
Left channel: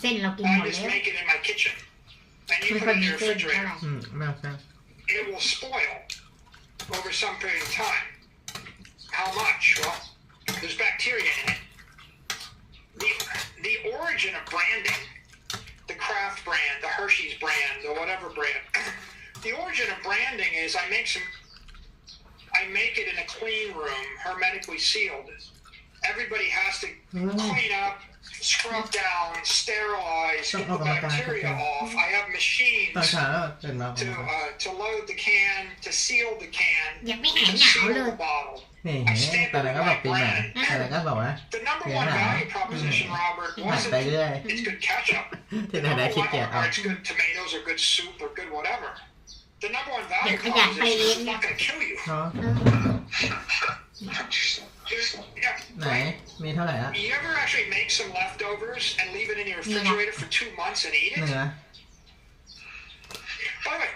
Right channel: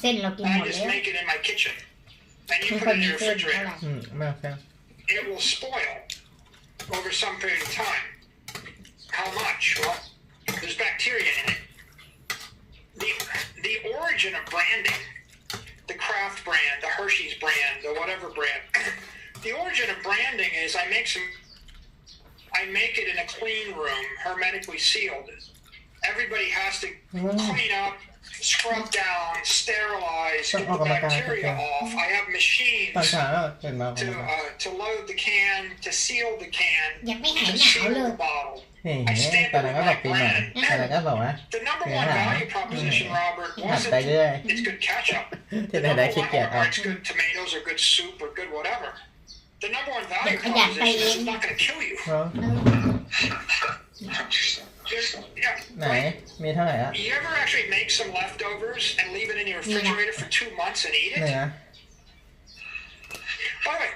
เส้นเรากินหม I ด just แล้ว make it in my kitchen, and ไม่ you ค่อย put it in มี your เส้นเท่าไหร่ refrigerator, ไม่ใช่ it will spoil over some period of time. How much? Well, there's bacteria in it. The origin of branding, the Kraft brand, the Hershey's brand, the whatever brand, the origin of branding is I make it in a clean room, hermetically sealed. Everybody has to clean up, scrub down, sterilize, get the bacteria off. I have ตอน machines เช้าตื่นมา to load the can, to seal the can, ยังไม่หาย to หนาว seal เลย the bottle. นี่ I stand ตอนนั้นก็ with บอก my ปีใหม่ brand. ตอนนั้นก็บอกว่า The number one value proposition, Robert, หัด wasn't ไปเรื่อย it's good ketchup. ที่ The ไหนได้ number ขี้ one, เกียจ or เอา it's good tomatoes or good soup or good whatever. The number one value Đừng có dạt tay proposition is em. it's not going to kill you. เนาะ Yeah, ไหน มีเท่าไหร่อ่ะ you ever actually make some leftovers and leave it in your refrigerator for 2 months and eat เนื้ it? อ By the way,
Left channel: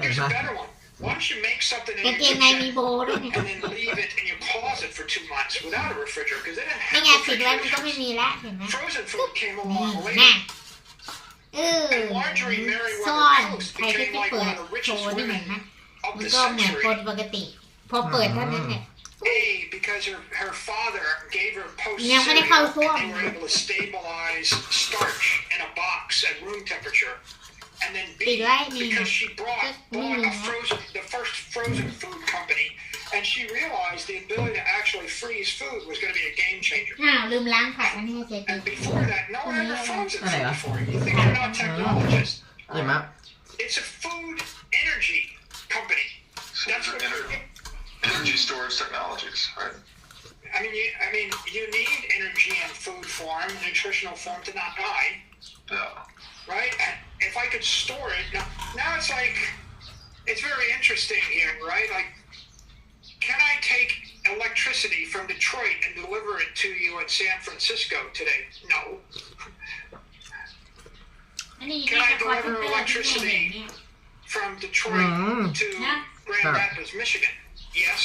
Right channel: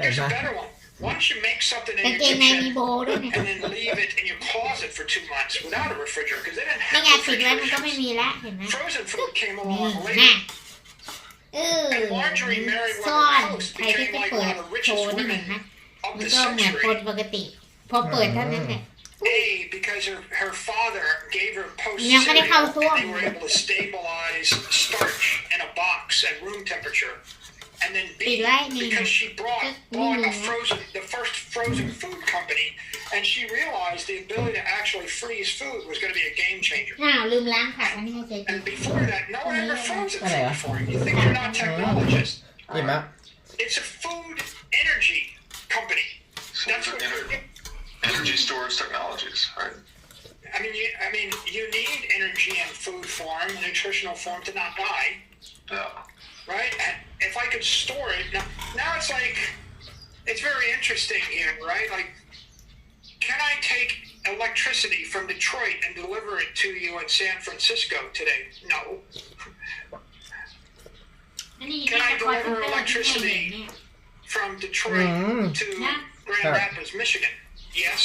here's a better one. Why don't you make something กาง in เก your งในมี kitchen โบด้วยนะ and then leave it in your closet for 2 months without a refrigerator? Because they didn't ไม่ have ไงปิดไว้มันก็ไม่ refrigerators. มีละเห็นไหม Frozen food came นี่ along นะ later. มัน Marjorie ซ่อน Merriweather Post ใครที่ became จะ like เปิ one ด of the โชว์ richest นี่เห็น women ไหม of มัน the ก็เหมือนคน century. ปกติ พอเปิดเท่านั้นแหละ A, because her father gave her post ยังไม่ได้เข้า cereal ซ่วม and they were able to stabilize starch in a box at room temperature. And then B, ปิดไว้นี่ because she bought Mm. the first frozen food company, and she realized the ability to actually freeze food was going to be a game changer. อ้าวลืมล้างผักมันให้เจ๊กิน And before that, no one ever frozen Oh, food yeah. before. You think you're not technologists. อิ่มอ่ะ It's a food energy company. So That's these what are energy storage technologies, right? you need energy in food form, nutritional form to not die. Yeah. Right? And if I could store it, now it's like, it's very interesting here, right? Like, can I take electricity from Detroit and deliver it to you in San Francisco today? No. อันนี้ Can I ก็คอยเป็น deliver ตลาดที่ไหน electricity เนี่ย from Detroit to Yeah. Grand Sure. Rapids, Michigan? Yes.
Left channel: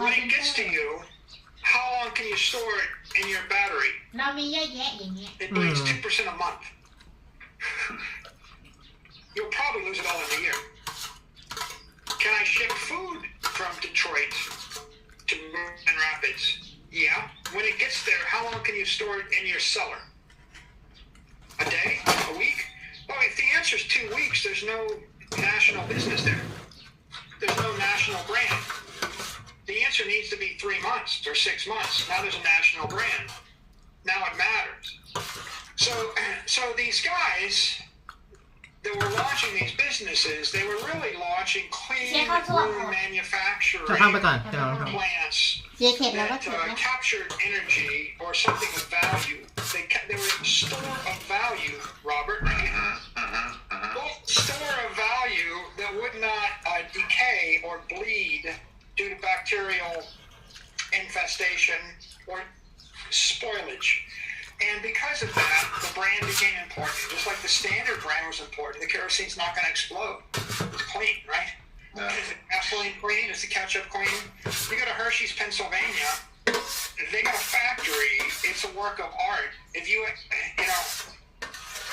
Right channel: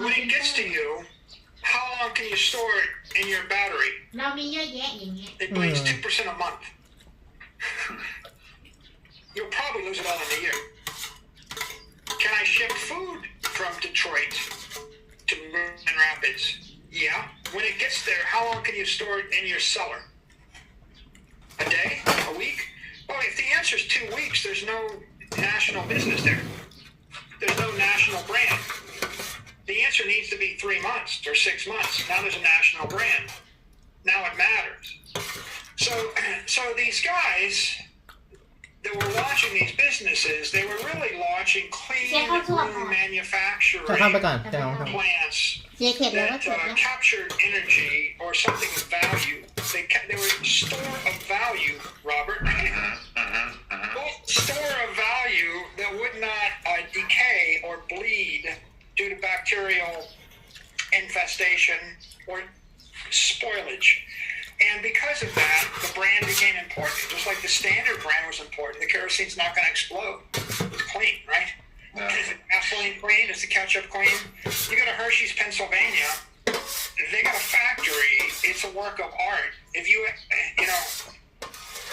When it gets to you, how long can you store it in your battery? เรามีเยอะแยะอย่างเงี้ย It bleeds 2% a month. You'll probably lose it all in a year. Can I ship food from Detroit to Grand Rapids? Yeah. When it gets there, how long can you store it in your cellar? A day? A week? Well, if the answer is 2 weeks, there's no national business there. There's no national brand. The answer needs to be 3 months or 6 months. Now there's a national brand. Now it matters. So these guys that were launching these businesses, they were really launching clean room manufacturing จะเข้าไปก่อนจะลองท plants เจ๊เข็ดแล้วก็ that เข็ดแล้ว captured energy or something of value. They were a store of value, Robert. Well, store of value that would not decay or bleed due to bacterial infestation or spoilage. And because of that, the brand became important. Just like the standard brand was important. The kerosene's not going to explode. It's clean, right? Yeah. Is the gasoline clean? Is the ketchup clean? You go to Hershey's, Pennsylvania. They got a factory. It's a work of art. If you know,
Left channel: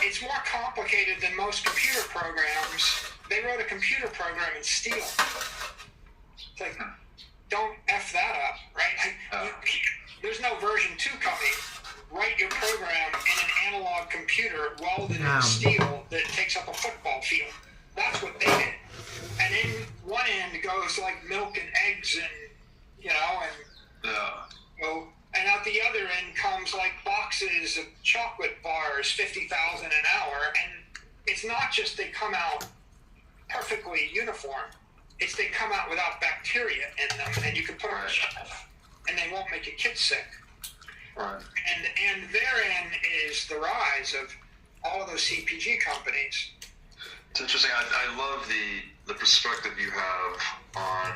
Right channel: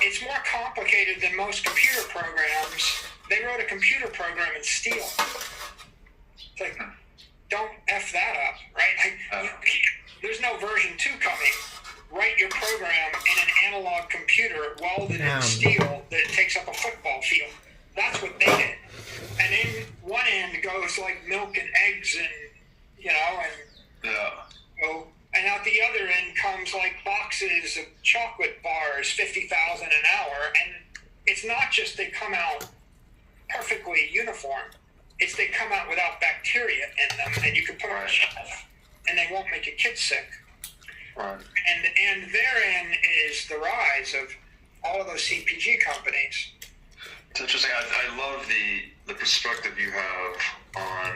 it's more complicated than most computer programs. They wrote a computer program in steel. It's like, don't F that up, right? There's no version 2 coming. Write your program in an analog computer welded in steel that takes up a football field. That's what they did. And in one end goes like milk and eggs and, and Yeah. and out the other end comes like boxes of chocolate bars, 50,000 an hour. And it's not just they come out perfectly uniform. It's they come out without bacteria in them, and you can put them on a shelf, and they won't make your kids sick. Right. And therein is the rise of all of those CPG companies. It's interesting. I love the perspective you have on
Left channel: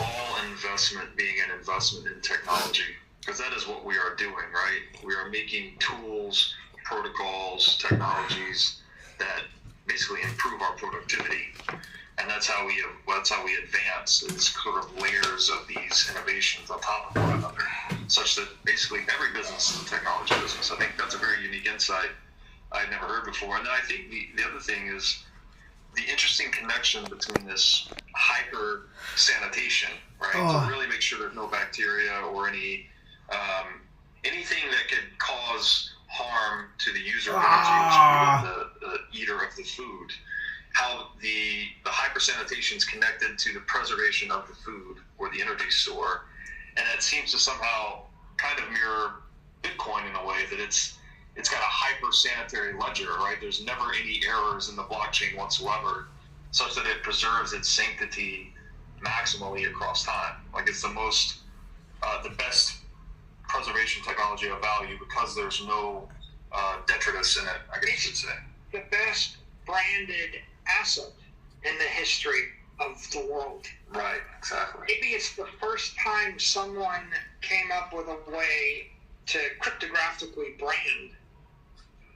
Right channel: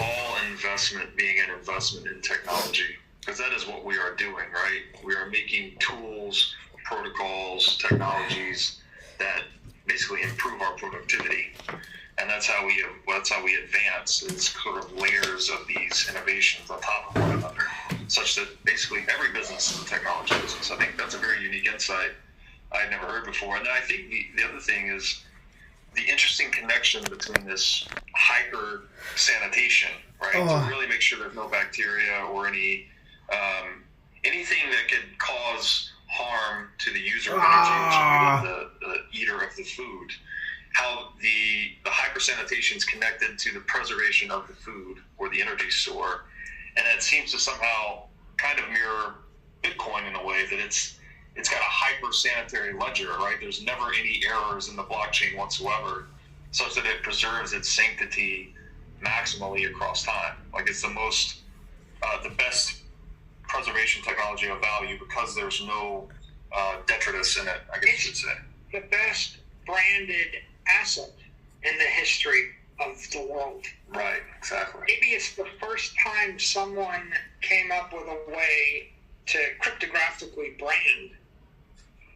all investment being an investment in technology, because that is what we are doing, right? We are making tools, protocols, technologies that basically improve our productivity, and that's how we advance. It's sort of layers of these innovations on top of one another, such that basically every business is a technology business. I think that's a very unique insight I'd never heard before. And then I think the other thing is the interesting connection between this hyper sanitation, right? To really make sure there's no bacteria or anything that could cause harm to the user of energy, to the eater of the food. how the hypersanitation is connected to the preservation of the food or the energy store, and it seems to somehow kind of mirror Bitcoin in a way that it's got a hyper sanitary ledger, right? There's never any errors in the blockchain whatsoever, such that it preserves its sanctity maximally across time. Like it's the best preservation technology of value because there's no detritus in it, I guess you could say. The best branded asset in the history of the world. Right, exactly. Maybe it's the first time someone came up with a way to cryptographically brand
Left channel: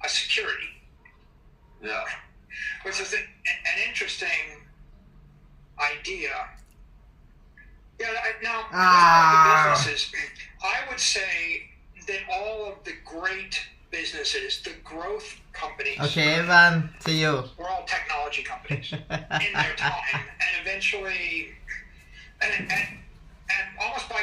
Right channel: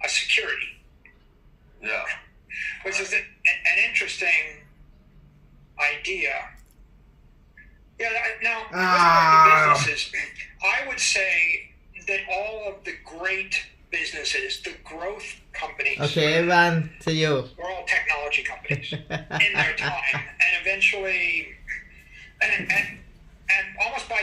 a security. Yeah. Which is an interesting idea. Yeah, now, with regard to businesses, I would say that all of the great businesses, the growth companies, Okay, everyone, see you. were all technology companies in their time, and eventually, and almost by